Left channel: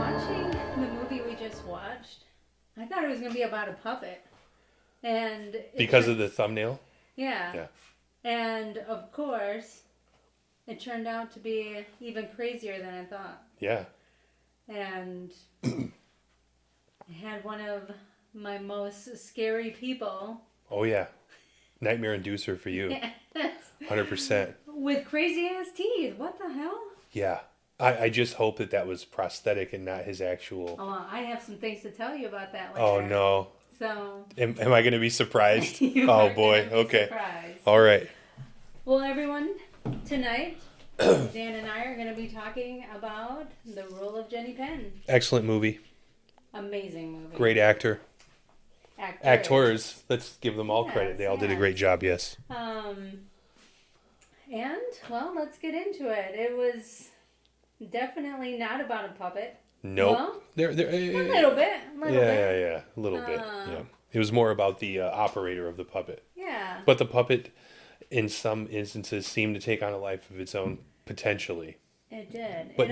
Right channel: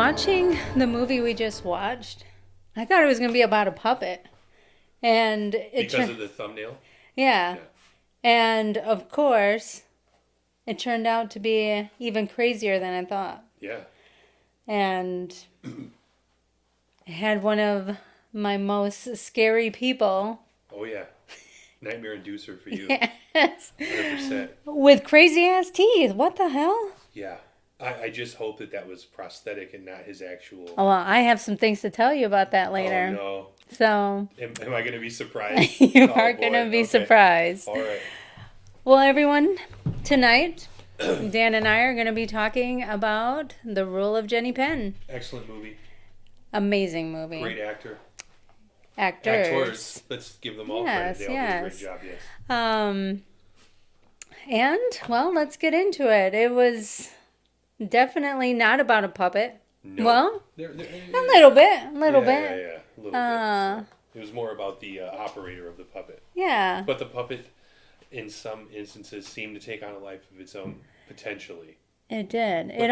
watching the movie we just watched, I thought it was going to be about a puppet. And because of the thumbnail? Yeah. And of course, it turned out to be even crazier than I thought. Yeah. And I had one of my most scary people. Oh, yeah. Nightmare inducer for you. Yes. 100%. With crazy ass teeth. What the hell? Yeah. I just hope that was prosthetic and not his actual... Oh, well, I have some things to tell you about that later. Oh, no. So... Am I going to be surprised? You are going to be surprised. All right. Well, everyone, tonight, Dan and I are going to be talking about The Rule of Jenny Penn. Excellent movie. Amazing movie. Great actor. Actors. Let's give them all credit. They all did a great job, yes. And, well, let's get into it. It was definitely not about a puppet. No. Well, a little bit. Yeah, a little bit. Yeah. It was more about the operator of the puppet. Yeah. But the puppet, in some instances, seemed to take on a life of its own, potentially. It did. But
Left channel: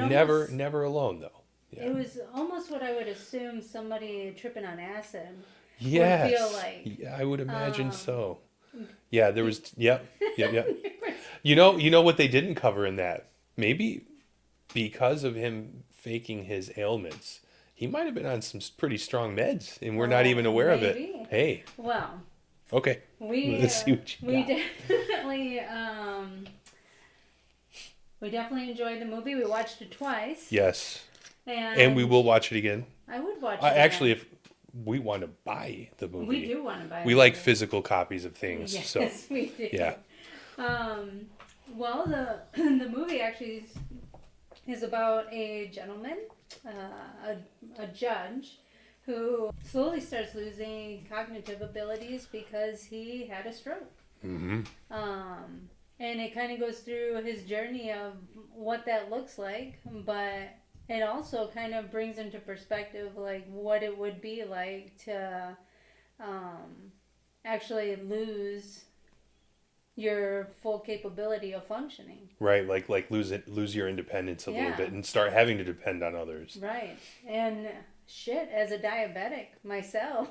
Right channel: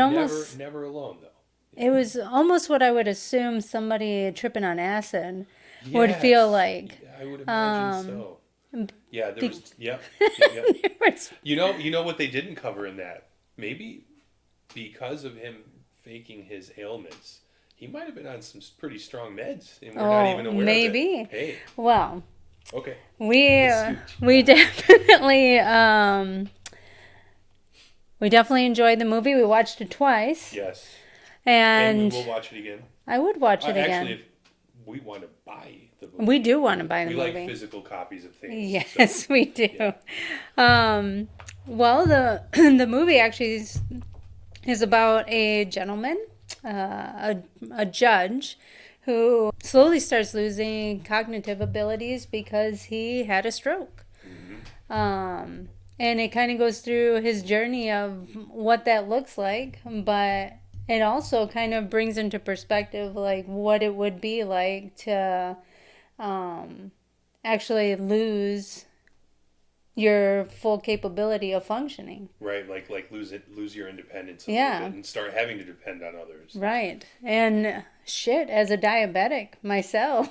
never alone, though. Yeah. It was almost what I would assume somebody tripping on acid would feel like. I would imagine so. Yeah, there was... Yep. Was, You know what they didn't cover in that? Maybe because of him faking his ailments, he might have been on some pretty strong meds, and we're not even aware of it. Maybe. Hey. Well. Okay. We definitely enjoyed the movie. We watched it twice. Yes. And we will watch it again. I would watch it again. Actually, if we want to buy the movie. We do want to buy the movie. We like physical copies of things. Yes, so, we do. Yeah. Well, the movie actually is about a gentleman, a judge, who slowly starts losing cognitive abilities because he had a stroke. Mm-hmm. And it kind of goes through his journey of what that looks like, but it also kind of brings into perspective like what it would be like to actually lose your full capability of functioning. Right, like lose your independence a little bit and start having to depend on others. Right. And shit, as a diabetic myself,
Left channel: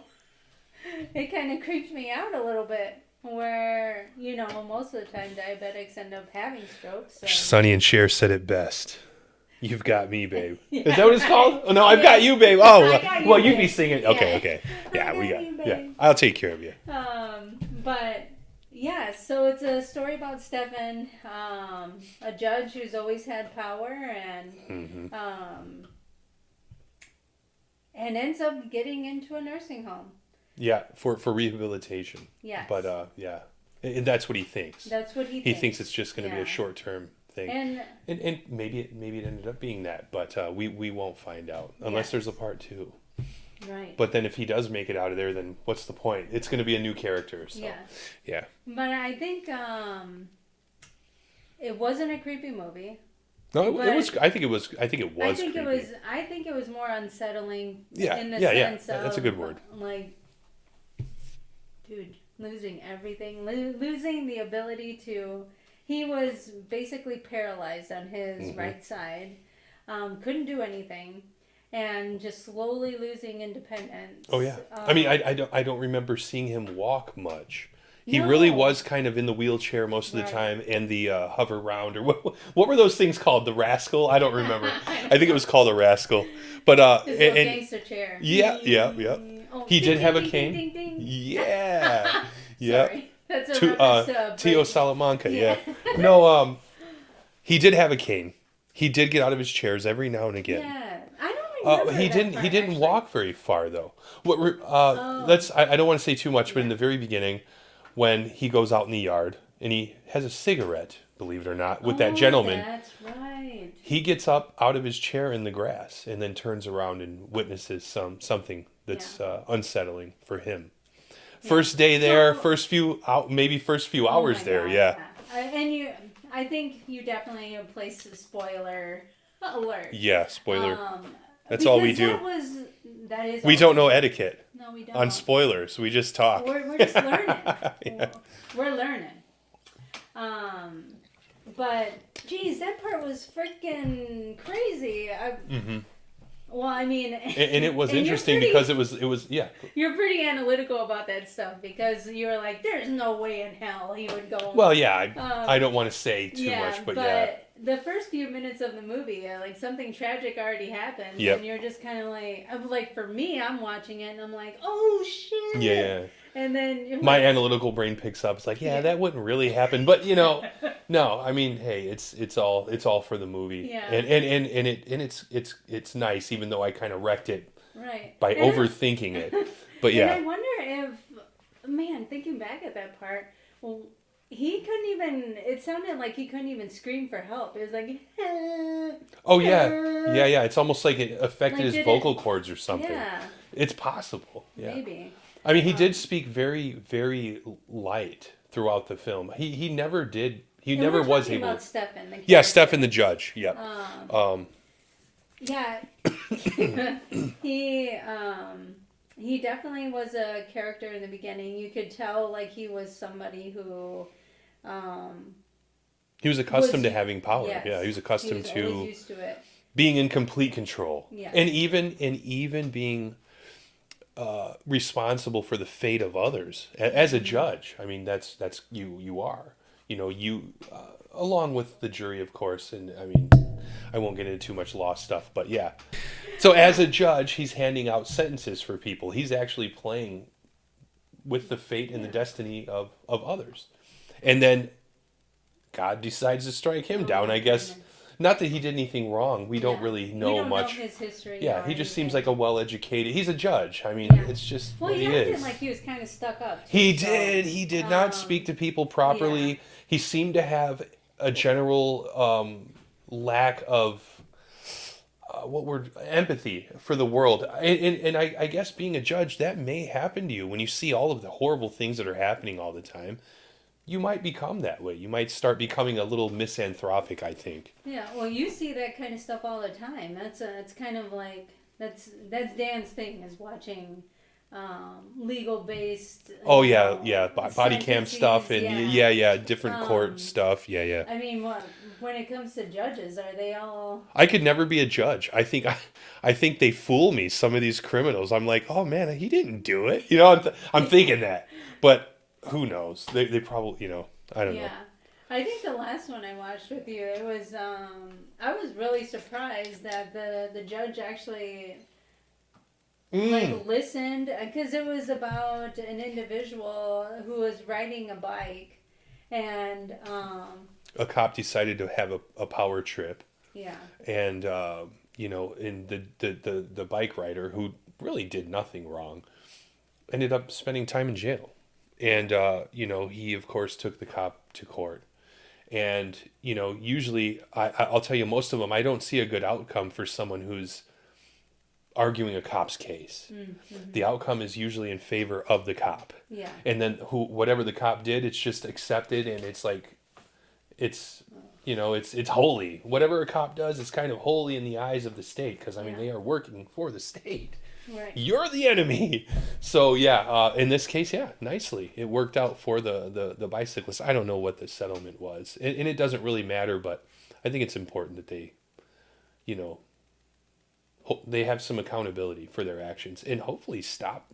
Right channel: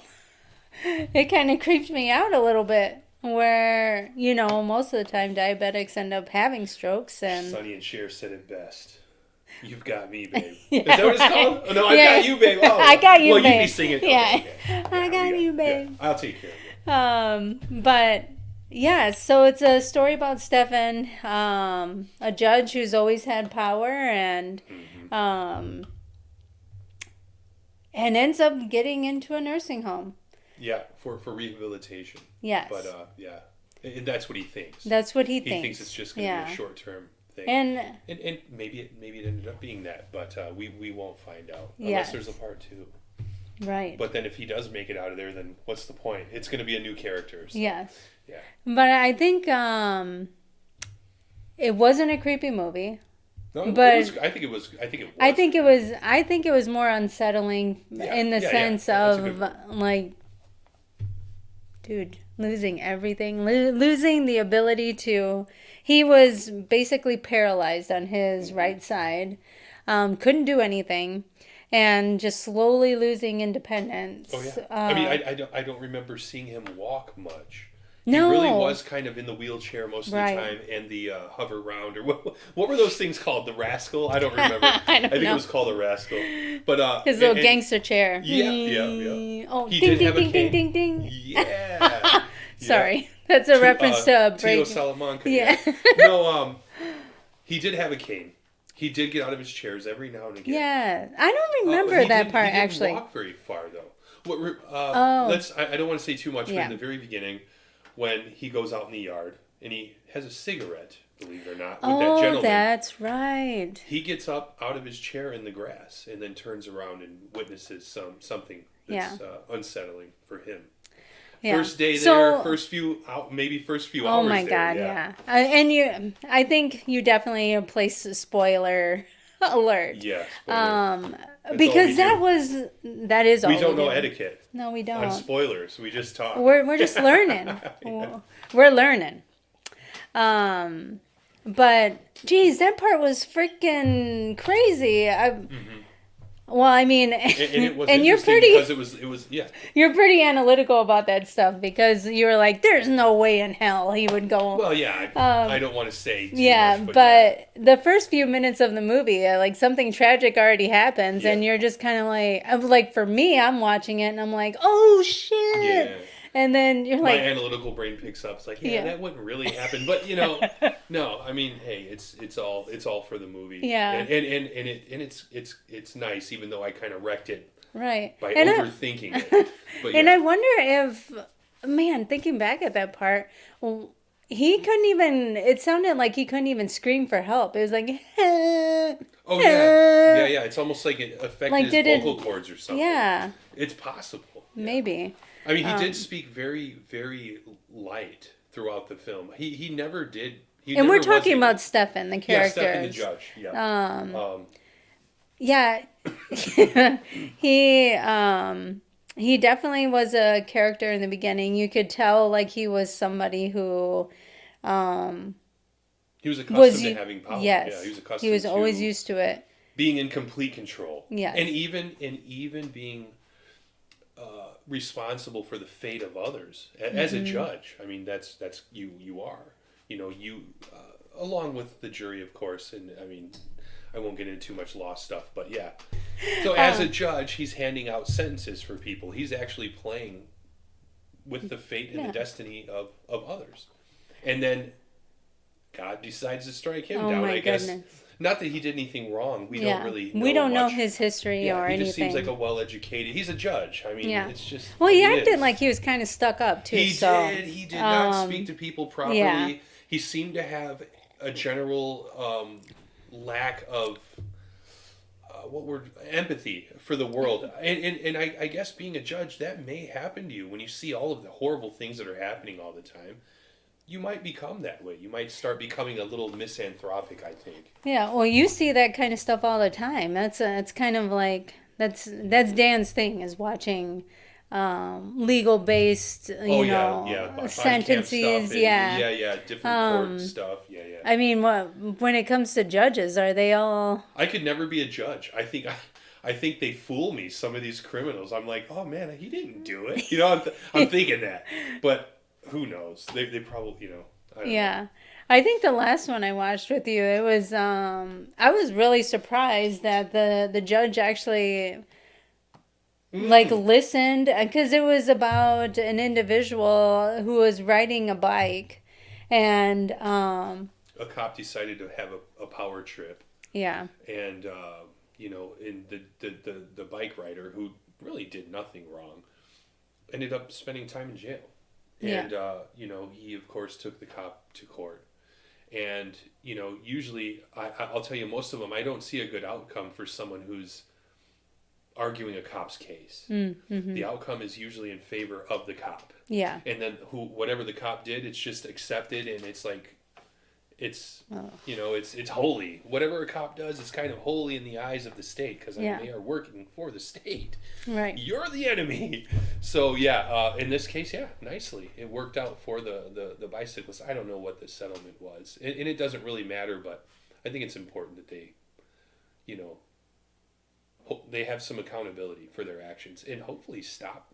it kind of creeps me out a little bit where, most of the time diabetics end up having strokes. And Sonny and Cher said it best. You've got me, babe. Is that what it's called? Oh, no, I've got you, babe. Oh, I got you, well, babe. You'd be singing. Yeah. Okay. Yeah, I got you, babe. Yeah, I'll take care of you. But yeah, so it's a story about Stefan, a judge who's always had power and ends up getting into a nursing home. Yeah, for rehabilitation. Yes. But and that's what he thinks. That's what he thinks. He thinks it's just going to be a short-term thing. And maybe it ended up being that, but we won't find out unless there's a part 2. Right. But then if he does make it out of there, then what's the point? It's going to be a new character. So. Yes. Yeah. But I think it wasn't a creepy movie. No, but I think it was. I think it was more unsettling in the sense of like, dude, losing everything, losing the ability to. He was basically paralyzed on his right side, couldn't do anything, and just slowly losing independence. Oh yeah. I mean, I don't remember seeing him walk much. He really was kind of in the wheelchair most of the time, and the hover round, or what were those things called? The rascal? I don't remember. I think it was called a rascal. But his little gangster chair. Yeah. Oh, he ding, did ding, have a ding, cane. Ding, ding, ding. Yeah. Sorry, that's a reference to Tio Salamanca. Yeah. No, he did have a cane. He did get out of his chairs every now and again. Yeah, I don't remember that part. He didn't actually walk very far though. I don't want to say too much, but in the very beginning, when he goes out in the yard and he has a cigarette, believe it or not, with that gentleman. That's right. He gets up out of his chair in the grass and then turns around and witnesses something that's unsettling for him. Yeah. First day there, first few hours there. Oh my God, yeah. And I think you definitely place a spoiler alert. Yeah, spoiler. That's because all we do. That is all we don't know etiquette. No, we don't. On spoilers, we just talk. We're just learning. We're learning. But geez, that part was freaking crazy. Well, I mean, And it was and interesting because it was yeah. you're pretty analytical about that stuff because you were like, there's no way in hell he would go. Well, yeah, I don't want to say too Yeah, much, but but the first few minutes of the movie, like something tragic already happens, Yep. and you're just kind of like, for me, I'm watching it and I'm like, oh shit. yeah. And then you're My like, analytical brain picks up. It's like, yeah, Yeah. that wouldn't really happen. But no. I mean, hey, it's all for the movie. Yeah. And it's nice, even though I kind of wrecked it right. by And overthinking it. But And I yeah, wonder if, man, thinking back at that part, well, he couldn't even, it sounded like he couldn't even scream for help. It was like, oh yeah. It's almost like it affected Like, his did vocal it- cords or something. yeah, It's possible. Yeah. maybe. I mean, he did speak very, very light throughout the film. He never did. He And never we're was talking able- about Stefan, the character. Yeah, Stefan the judge. Yeah. Yeah. he, he definitely was a character in the beginning. You could tell, like, he was somebody who, He was accustomed to u- having power. yes, Yeah, he was accustomed he was to always used to it. being in complete control. Yes. And even being responsible for the fate of others as a judge. I mean, that's you are. You along with the jury, of course. And I mean, I won't get into too much law stuff, but yeah. So as a judge, he's handing out sentences for people. He's actually playing with the fate and the destiny of others. And then God decides to strike him Oh down, my I guess. goodness. Not that he did anything wrong. We don't really know We don't know much. his history Yeah, or he anything. just seems like a well-educated. He's a judge. I mean, Yeah. it's just. Well, what he he acted is. like he was kind of stuck up too. He so, did. He did not speak to people properly. yeah. He seemed to have a general lack of empathy for the world. And I guess being a judge, that may happen to you when you see all of the horrible things that are happening all the time. You might become that way. You might start becoming a little misanthropic, I think. Yeah. Well, you see that kind of stuff all the time. It's kind of like that's Dan's thing is watching legal based. Body cam stuff and yeah. different court stuff. Yeah. I mean, when it comes to judges, are they all? I could never be a judge. I think they fool me. Some of these criminals. I'm like, oh man, he didn't do it. I'm thinking that, but who knows? They probably I don't know. Yeah. I think the last one I watched with you, it was I was really surprised that the judge actually like listened because it was about an individual who was riding a bike and A cop decided to have a power trip, yeah. and in the bike rider who really did nothing wrong ended up spending time in jail. And, he, of course, took the cop to court. And, usually, I'll tell you, most of them, I don't see a good outcome for someone who's arguing a cop's case. Mm-hmm. The outcome is usually in favor of the cop. Yeah. And then whatever the cop did, it's just accepted, and it's like, it's holy. Whatever a cop does, it's kind of holy in the eyes of the state, because, they are working for the state. Right. You're the enemy. So in this case, nicely it worked out for the bicyclist. I don't know what the settlement was, and it doesn't really matter. But I think it's important that they, they have some accountability for their actions and hopefully stop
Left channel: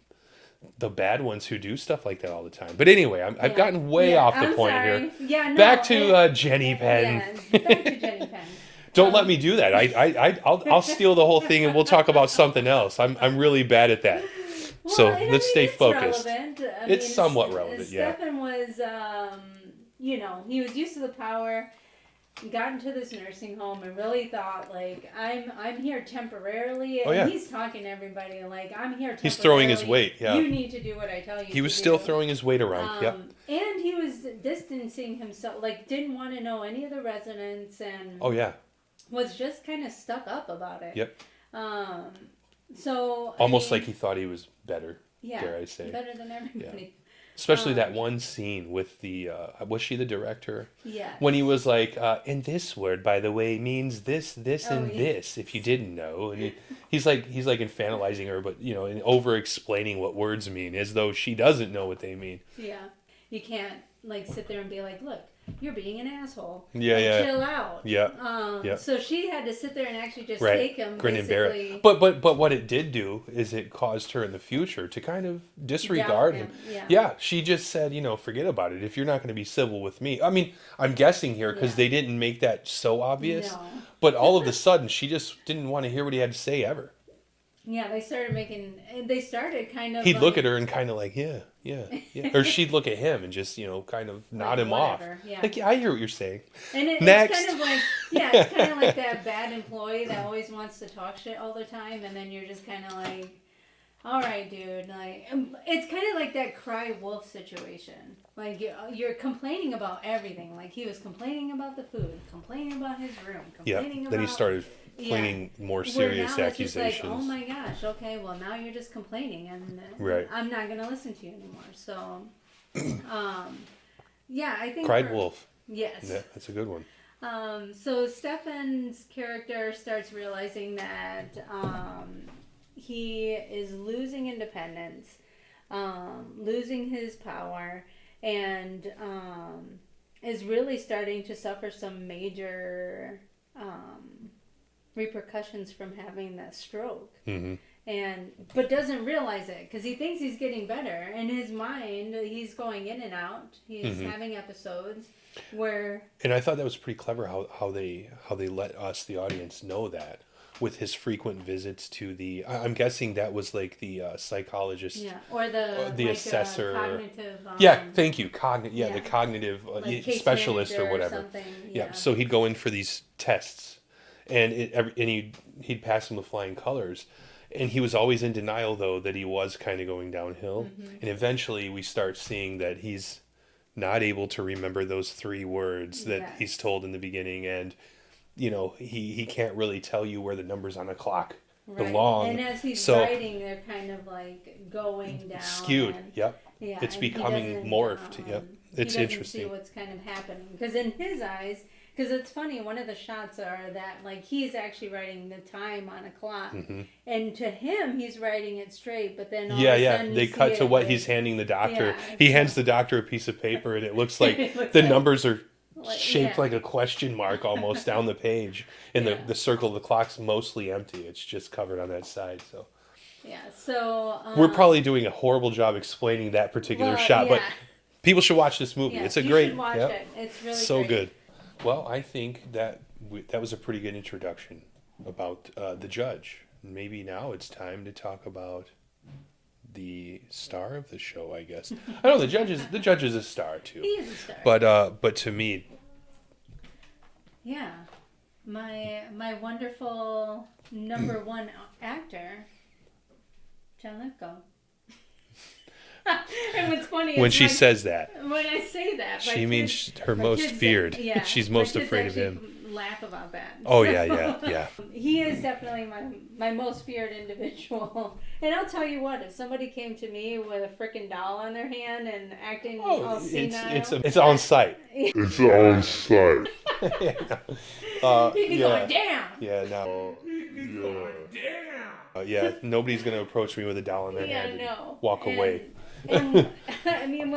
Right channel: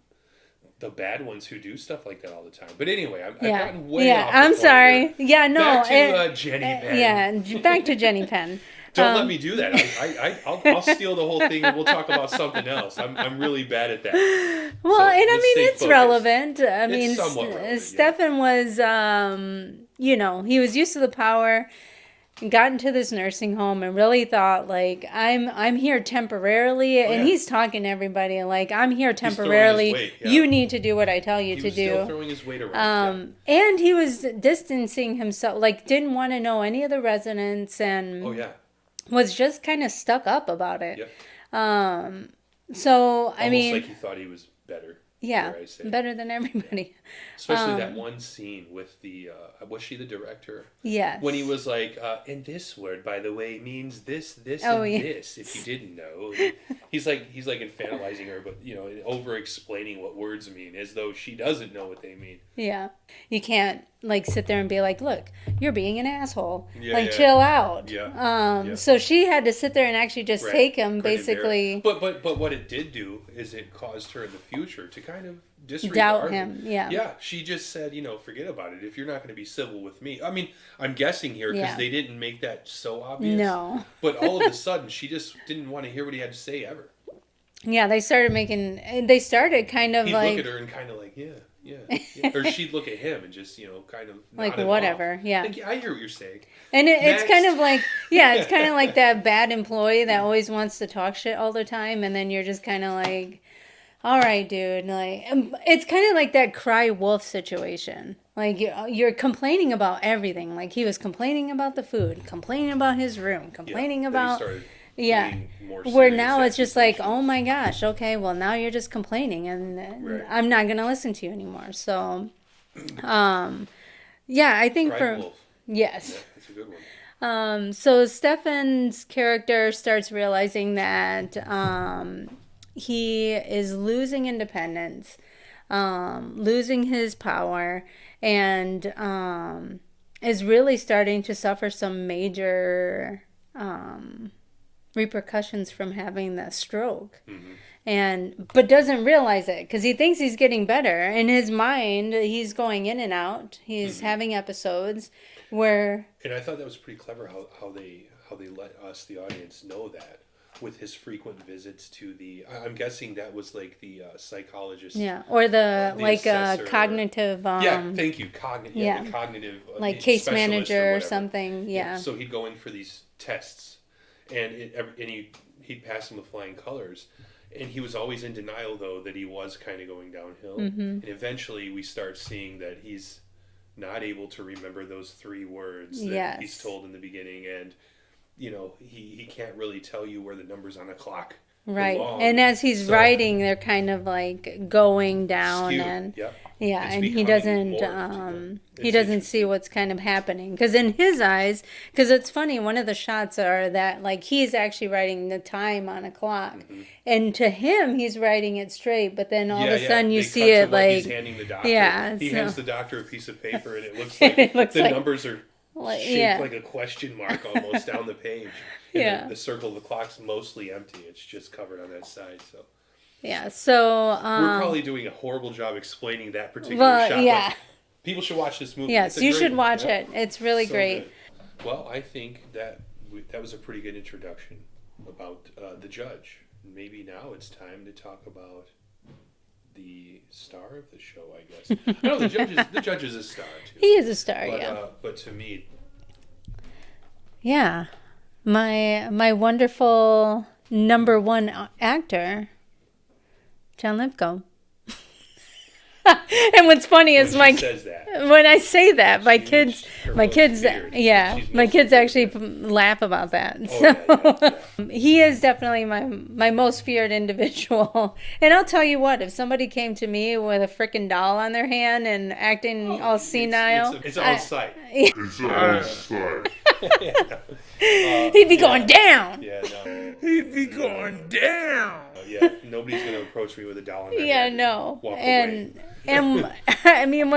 the bad ones who do stuff like that all the time. But anyway, I've gotten way off the I'm point sorry. here. Yeah, no. Back to Jenny Penn. Yeah, back to Jenny Penn. Don't let me do that. I'll steal the whole thing and we'll talk about something else. I'm really bad at that. Well, so and let's stay it's focused. relevant. It's somewhat relevant. Stefan was, he was used to the power, got into this nursing home, and really thought like, I'm here temporarily, and he's talking to everybody like, I'm here temporarily. He's throwing his weight. Yeah. You need to do what I tell you to do. He was still throwing his weight around. And he was distancing himself, like didn't want to know any of the residents, and was just kind of stuck up about it. Yep. So almost like he thought he was better. Yeah, dare I say. better than everybody. Especially that one scene with the, was she the director? Yes. When he was like, and this word, by the way, means this, Oh, and yeah. this, if you didn't know. And he's like infantilizing her, but, you know, and over-explaining what words mean, as though she doesn't know what they mean. Yeah. You can't, like, sit there and be like, look, you're being an asshole. Yeah, like, yeah. chill out. Yeah. So she had to sit there and actually just take him, Grin and bear basically. it. But what it did do is it caused her in the future to kind of disregard Doubt him. Yeah. Yeah, she just said, you know, forget about it. If you're not going to be civil with me. I mean, I'm guessing here because they didn't make that so obvious. No. But all of a sudden, she just didn't want to hear what he had to say ever. Yeah, they started kind of He'd like... look at her and kind of like, yeah. Or she'd look at him and just, you know, kind of nod like, him whatever, off. yeah. Like, I hear what you're saying. And it's kind of like, it's kind of like that bad employee that always wants to talk shit all the time, and then you're just kind of like, all right, dude. Like, it's kind of like that cry wolf situation. Like, you're complaining about everything. Like, he was complaining about the food, complaining about his room, complaining about... Then he started more serious where now it's just like, oh accusations. my gosh, okay, well, now you're just complaining, and Right. I'm not going to listen to you anymore. So, I think Cried wolf. Yes. Yeah, that's a good one. So Stefan's character starts realizing that he is losing independence, losing his power, and is really starting to suffer some major repercussions from having the stroke. But doesn't realize it because he thinks he's getting better. In his mind, he's going in and out. He's having episodes where... And I thought that was pretty clever how they let us, the audience, know that with his frequent visits to the... I'm guessing that was like the psychologist. Yeah, or the like cognitive... thank you. The cognitive like case specialist manager or something. Yeah. So he'd go in for these tests, and he'd pass them with flying colors. And he was always in denial, though, that he was kind of going downhill. And eventually we start seeing that he's not able to remember those 3 words that he's told in the beginning. And, you know, he can't really tell you where the numbers on a clock belong. And as he's writing, they're kind of like going down. Skewed. And It's and he doesn't he doesn't see what's kind of happening, because in his eyes, because it's funny, one of the shots are that like he's actually writing the time on a clock, and to him he's writing it straight, but then all of a sudden you see cut it to what like he's handing the doctor. He hands the doctor a piece of paper, and it looks like numbers are shaped like a question mark almost down the page, and the circle of the clock's mostly empty. It's just covered on that side. So so we're probably doing a horrible job explaining that particular shot. But people should watch this movie. Yes, you should watch it. It's really great. So good. Well, I think that was a pretty good introduction about the judge. Maybe now it's time to talk about the star of the show, I guess. I know the judge is a star too. He is a star. But to me, my wonderful number 1 actor, John Lithgow. And what's funny is when she says that, when I say that, my kids, feared. She's my kids actually laugh about that. Oh, so, yeah. He is definitely my most feared individual. And I'll tell you what, if somebody came to me with a freaking doll on their hand and acting all senile, it's on sight. It's on sight. He'd be going down. Yeah, no. He'd be going down. Nobody's gonna approach me with a doll in their hand. No. Walk away. And I mean,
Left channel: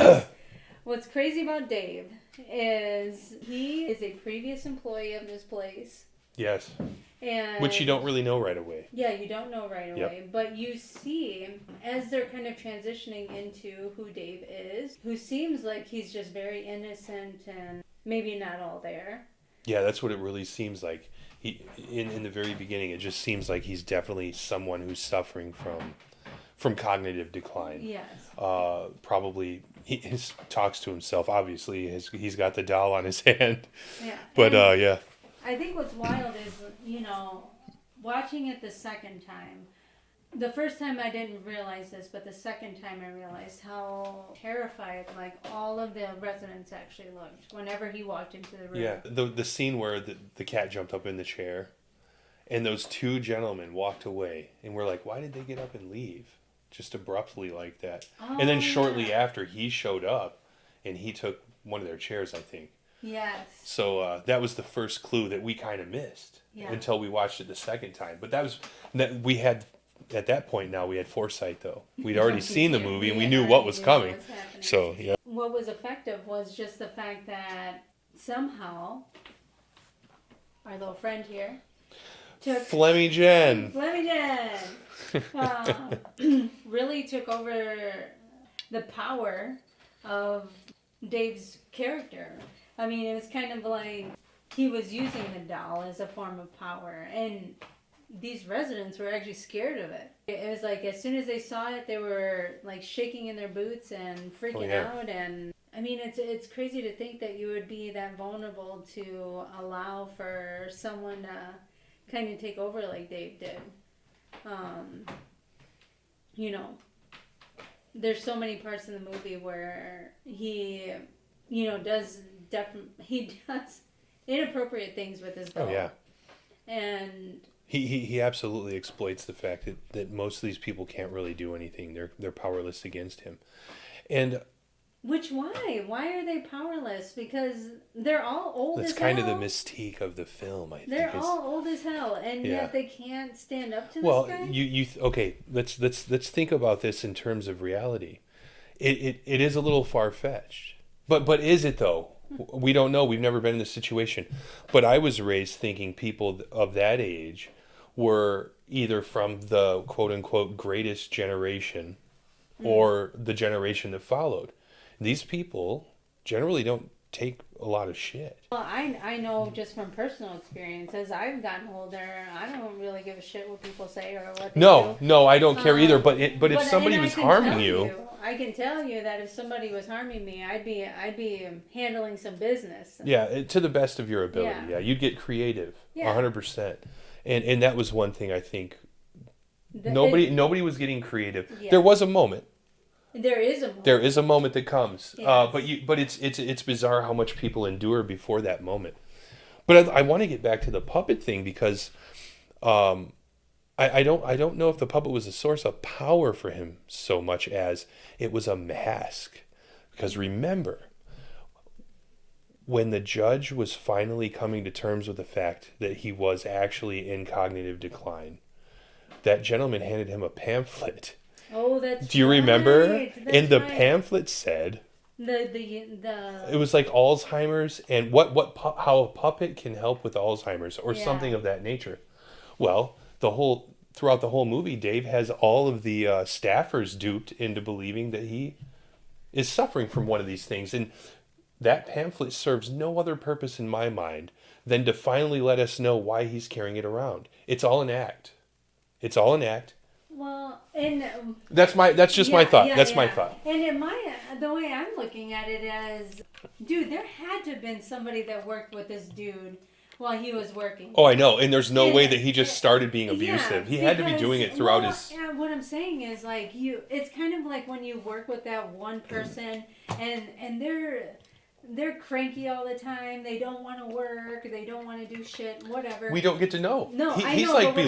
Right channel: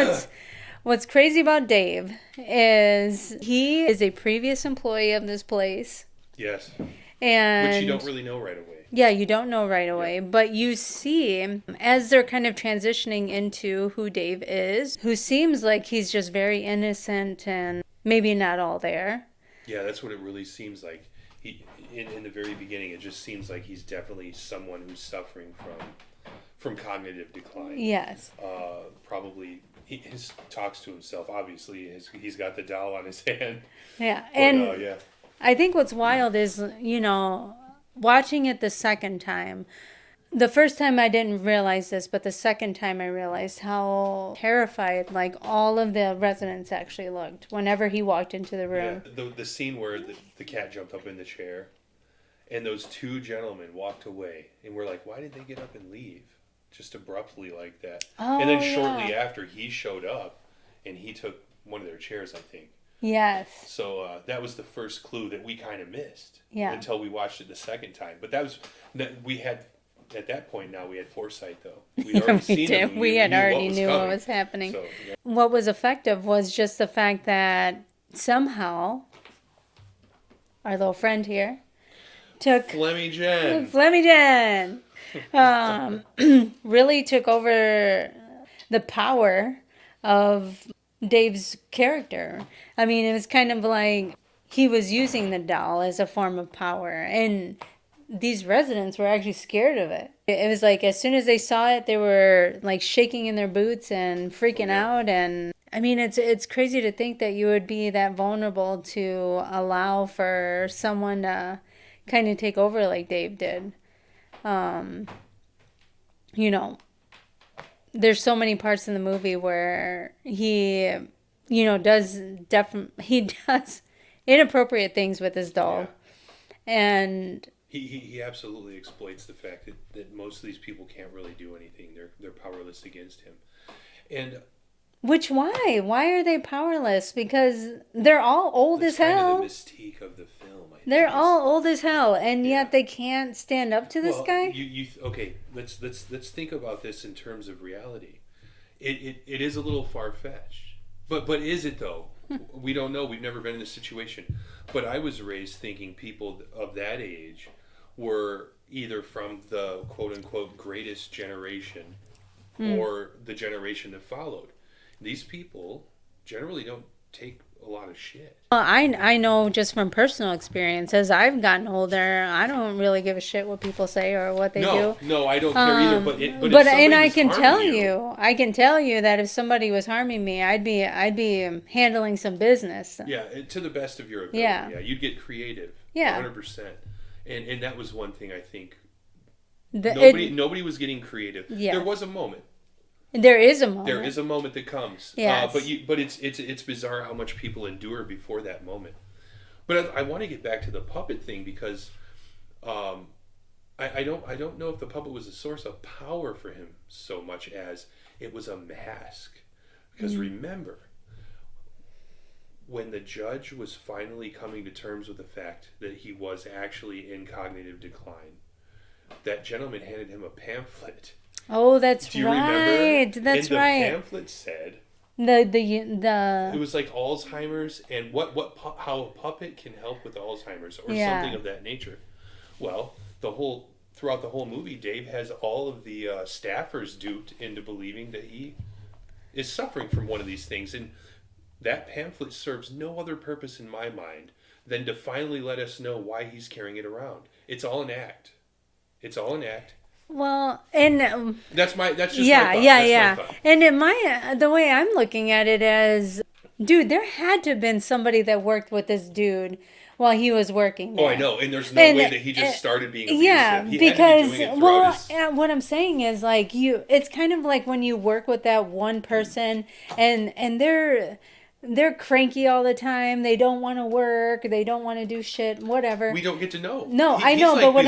what's crazy about Dave is he is a previous employee of this place. Yes. And which you don't really know right away. Yeah, you don't know right away, but you see as they're kind of transitioning into who Dave is, who seems like he's just very innocent and maybe not all there. Yeah, that's what it really seems like. He in the very beginning, it just seems like he's definitely someone who's suffering from cognitive decline. Yes. Probably he talks to himself. Obviously, he's got the doll on his hand. Yeah. But I think what's wild is, watching it the second time. The first time I didn't realize this, but the second time I realized how terrified like all of the residents actually looked whenever he walked into the room. Yeah, the scene where the cat jumped up in the chair and those 2 gentlemen walked away and we're like, why did they get up and leave? just abruptly like that. Oh, And then shortly after, he showed up, and he took one of their chairs, I think. Yes. So that was the first clue that we kind of missed until we watched it the second time. But we had, at that point now, we had foresight, though. We'd already seen the movie. We knew what was coming. What was happening. So, yeah. What was effective was just the fact that somehow our little friend here took... Flemmy-Jen really took over the power of Dave's character. I mean, it was kind of like he was using the doll as a form of power, and these residents were actually scared of it. It was like as soon as they saw it, they were like shaking in their boots and freaking out. And I mean, it's crazy to think that you would be that vulnerable to allow for someone to kind of take over like Dave did. You know, there's so many parts in the movie where he, you know, does inappropriate things with his doll. Yeah. And he absolutely exploits the fact that most of these people can't really do anything. They're powerless against him. And why are they powerless? Because they're all old as hell. That's kind of the mystique of the film, I think. They're all old as hell, and yet they can't stand up to this guy. Okay, let's think about this in terms of reality. It is a little far-fetched. But is it though? We don't know. We've never been in this situation. But I was raised thinking people of that age were either from the quote-unquote greatest generation or the generation that followed. These people generally don't take a lot of shit. Well, I know just from personal experience, as I've gotten older, I don't really give a shit what people say or what they do. No, I don't care either. But if somebody was harming you, I can tell you that if somebody was harming me, I'd be handling some business. Yeah, to the best of your ability. Yeah, you'd get creative. Yeah, 100%. And that was one thing I think. Nobody was getting creative. Yeah. There was a moment. There is a moment. There is a moment that comes. Yes. But it's bizarre how much people endure before that moment. But I want to get back to the puppet thing because I don't know if the puppet was a source of power for him so much as it was a mask. Because remember, when the judge was finally coming to terms with the fact that he was actually in cognitive decline, that gentleman handed him a pamphlet. Oh, that's right. Do you remember? That's and the pamphlet said it was like Alzheimer's and how a puppet can help with Alzheimer's or something of that nature. Well, throughout the whole movie, Dave has all of the staffers duped into believing that he is suffering from one of these things, and that pamphlet serves no other purpose in my mind than to finally let us know why he's carrying it around. It's all an act. It's all an act. Well, and that's just my thought. That's my thought. And the way I'm looking at it as, dude, there had to have been somebody that worked with this dude while he was working there. Oh, I know. And there's no way that he just stared being abusive. Yeah, he had to be doing it throughout his... what I'm saying is, like, it's kind of like when you work with that one person and they're cranky all the time. They don't want to work. They don't want to do shit. Whatever. We don't get to know. No, I know. But what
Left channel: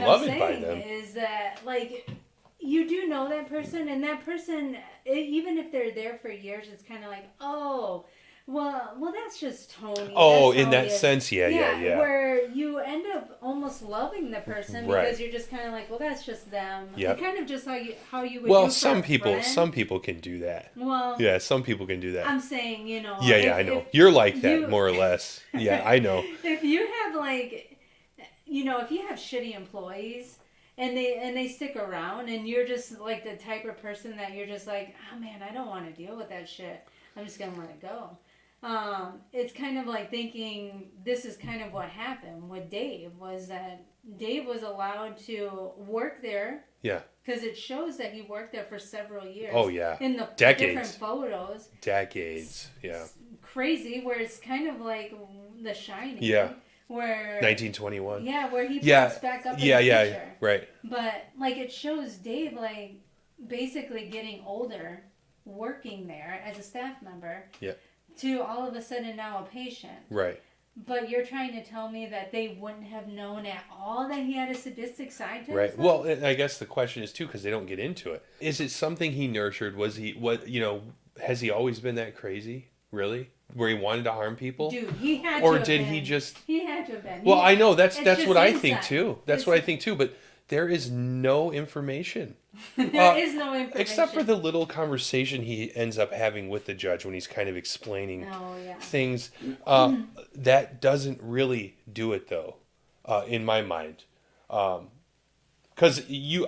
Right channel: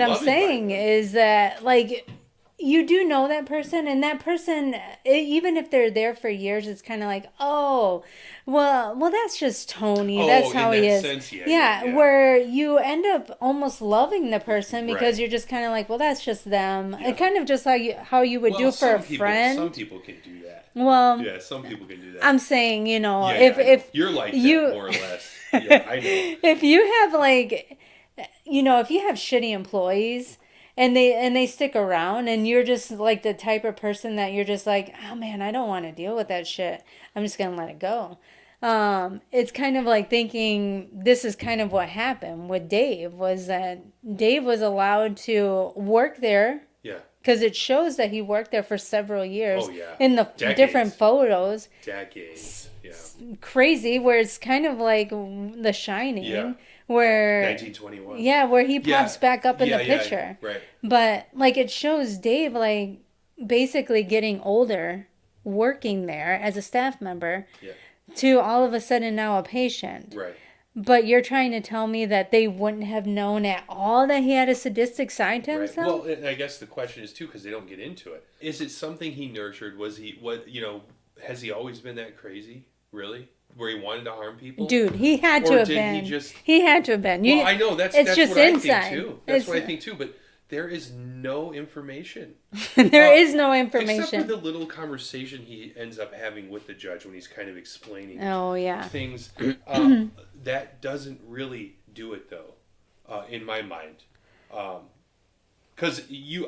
I'm saying is that, like, you do know that person, and that person, even if they're there for years, it's kind of like, oh, well, that's just Tony. Oh, that's how in that he is. sense, yeah. Where you end up almost loving the person because you're just kind of like, well, that's just them. Yeah. And kind of just how you would do for a friend. Some people can do that. Well, yeah, some people can do that. I'm saying, I know. You're like that more or less. Yeah, I know. If you have if you have shitty employees and they stick around and you're just like the type of person that you're just like, oh man, I don't want to deal with that shit. I'm just gonna let it go. It's kind of like thinking this is kind of what happened with Dave, was that Dave was allowed to work there. Yeah. Because it shows that he worked there for several years. Oh, yeah. In the different photos. Decades, yeah. Crazy, where it's kind of like The Shining. Yeah. Where 1921. Yeah, where he pops back up in the picture. Yeah, right. But, like, it shows Dave, like, basically getting older, working there as a staff member. Yeah. To all of a sudden now a patient. Right. But you're trying to tell me that they wouldn't have known at all that he had a sadistic side to Right. himself? Well, and I guess the question is too, because they don't get into it. Is it something he nurtured? Was he has he always been that crazy? Really? Where he wanted to harm people? Dude, he had Or to have did been. he just? He had to have been. Well, I know that's just what I think inside. too. That's what I think too. But there is no information. There is no information. Except for the little conversation he ends up having with the judge when he's kind of explaining things. That doesn't really do it though, in my mind. Because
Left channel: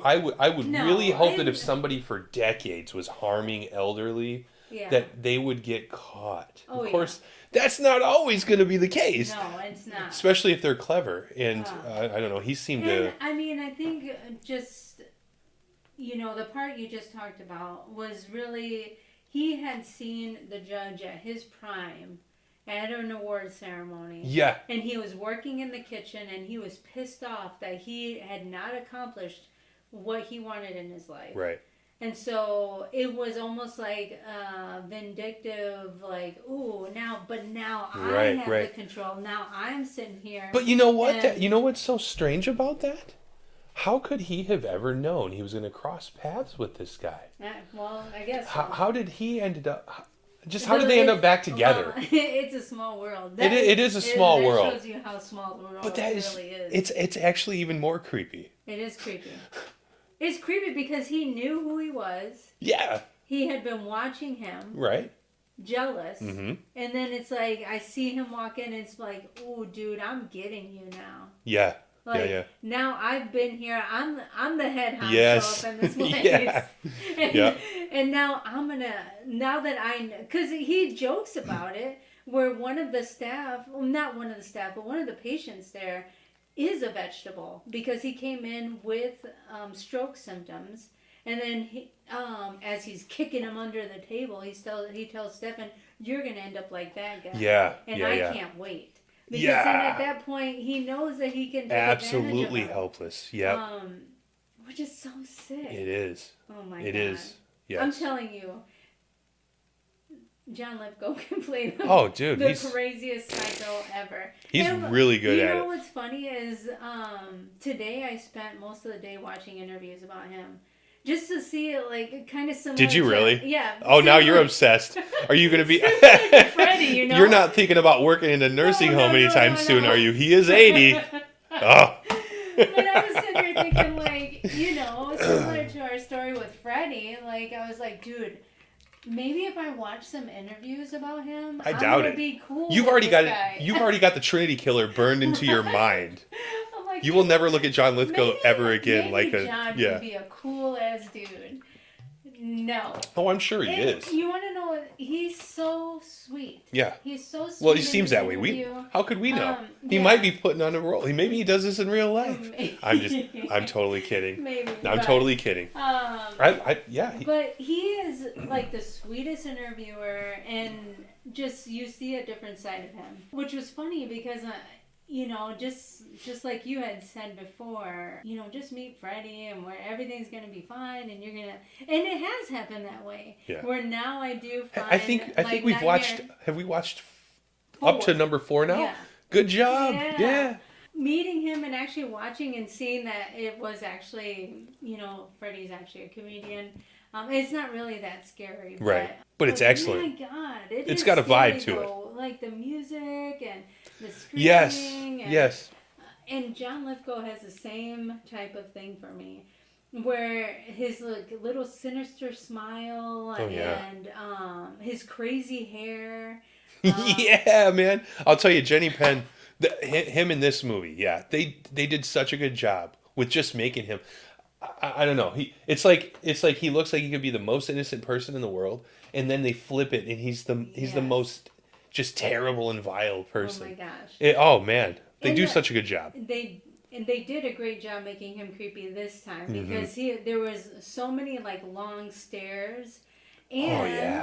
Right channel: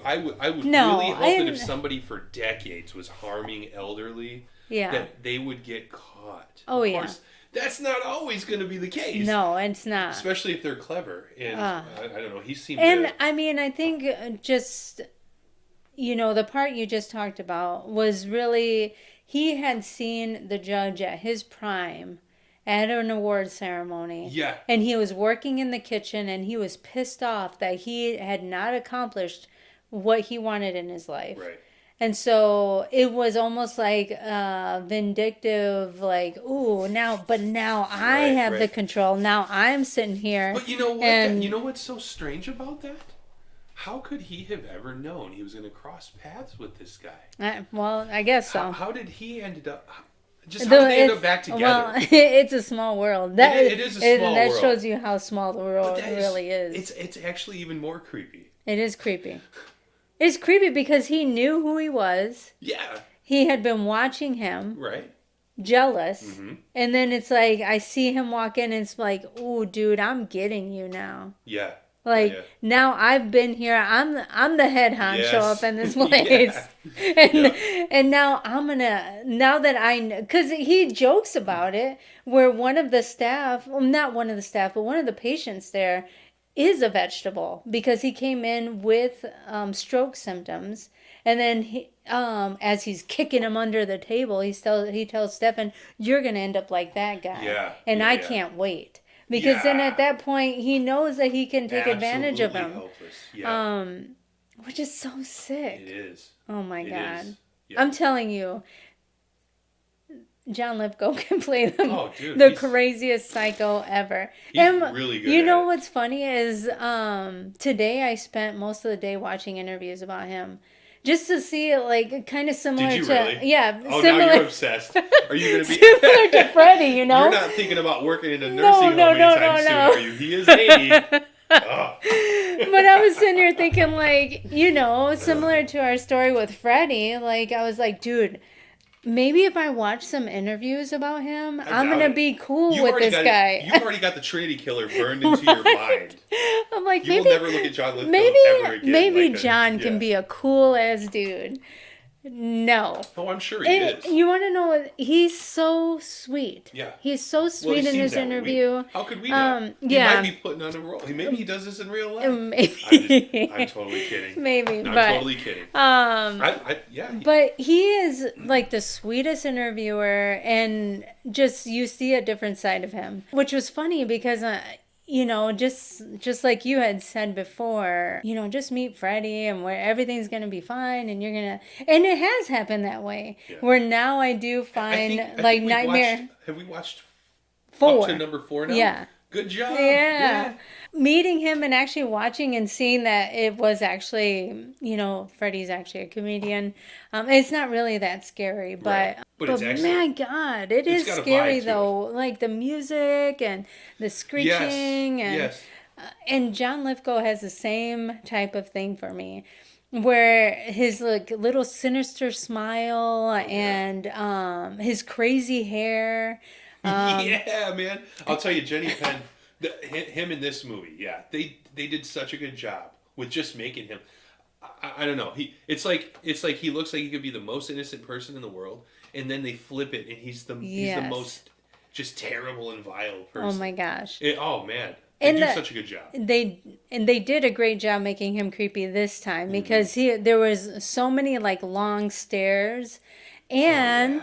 I would really hope that if somebody for decades was harming elderly, that they would get caught. Of course, that's not always going to be the case. No, it's not. Especially if they're clever. And I don't know, he seemed and I mean, I think just, the part you just talked about was really, he had seen the judge at his prime at an award ceremony. Yeah. And he was working in the kitchen and he was pissed off that he had not accomplished what he wanted in his life. Right. And so it was almost like vindictive, like, ooh, now I have the control. Now I'm sitting here. But you know what? You know what's so strange about that? How could he have ever known he was going to cross paths with this guy? Well, I guess so. How did he end up? Just how did they end up back together? Well, it's a small world. It is a small world. That shows you how small the world really is. It's actually even more creepy. It is creepy. It's creepy because he knew who he was. Yeah. He had been watching him. Right. Jealous. Mm-hmm. And then it's like, I see him walk in and it's like, ooh, dude, I'm getting you now. Yeah. Like, now I've been here. I'm the head honcho up in this place. And now now that because he jokes about it, where one of the staff, well, not one of the staff, but one of the patients there is a vegetable because he came in with stroke symptoms. And then he, as he's kicking him under the table, he tells Stefan, "You're going to end up like that guy." Yeah. And I can't wait. Because then at that point, he knows that he can take advantage of him. Absolutely helpless. Yeah. Which is so sick. It is. Oh my God. It is. Yeah. I'm telling you, John Lithgow can play the the craziest psycho ever. He's really good at it. You know what's funny is today I spent most of the day watching interviews about him. Just to see it, like, kind of similar to... Did you really? Yeah. Oh, now you're obsessed. Are you going to be... similar to Freddie, you know? You're not thinking about working in a nursing home anytime soon, are you? He is 80. Oh. But I was sitting here thinking, like, similar to our story with Freddie, like, I was like, dude... Maybe if I watch some interviews about him, I'm going to be cool with this guy. You've already got the Trinity Killer burned into your mind. I'm like, you will never look at John Lithgow ever again. Maybe John can be a cool-ass dude. No. Oh, I'm sure he is. You want to know what? He's so sweet. Yeah. He's so sweet well, he in seems this that interview. Way. How could we know? He might be putting on a role. Maybe he does this in real life. Maybe. I'm totally kidding. Maybe. No, I'm totally kidding. But he is like the sweetest interviewer, and just you see a different side of him, which was funny because just like you had said before, just meet Freddie and where everything's gonna be fine, and and it has happened that way. Yeah. Where now I do find I think Nightmare. Have we watched 4? Up to number 4 now? Yeah. Good job. Yeah. Meeting him and actually watching and seeing that it was actually, Freddie's actually a comedian. It's not really that scary, but right. But it's excellent. My God, it's got scary though. Like the music and the screeching. Yes. And John Lithgow has the same type of thing for me, where his little sinister smile and his crazy hair. Yeah, man. I'll tell you, Jenny Penn. Him in this movie, they did such a good job with just making him. I don't know. It's like he looks like he could be the most innocent person in the world, and then they flip it, and he's the most just terrible and vile person. Oh my gosh! Man, they do such a good job. They did a great job making him creepy this time because there was so many long stairs, and.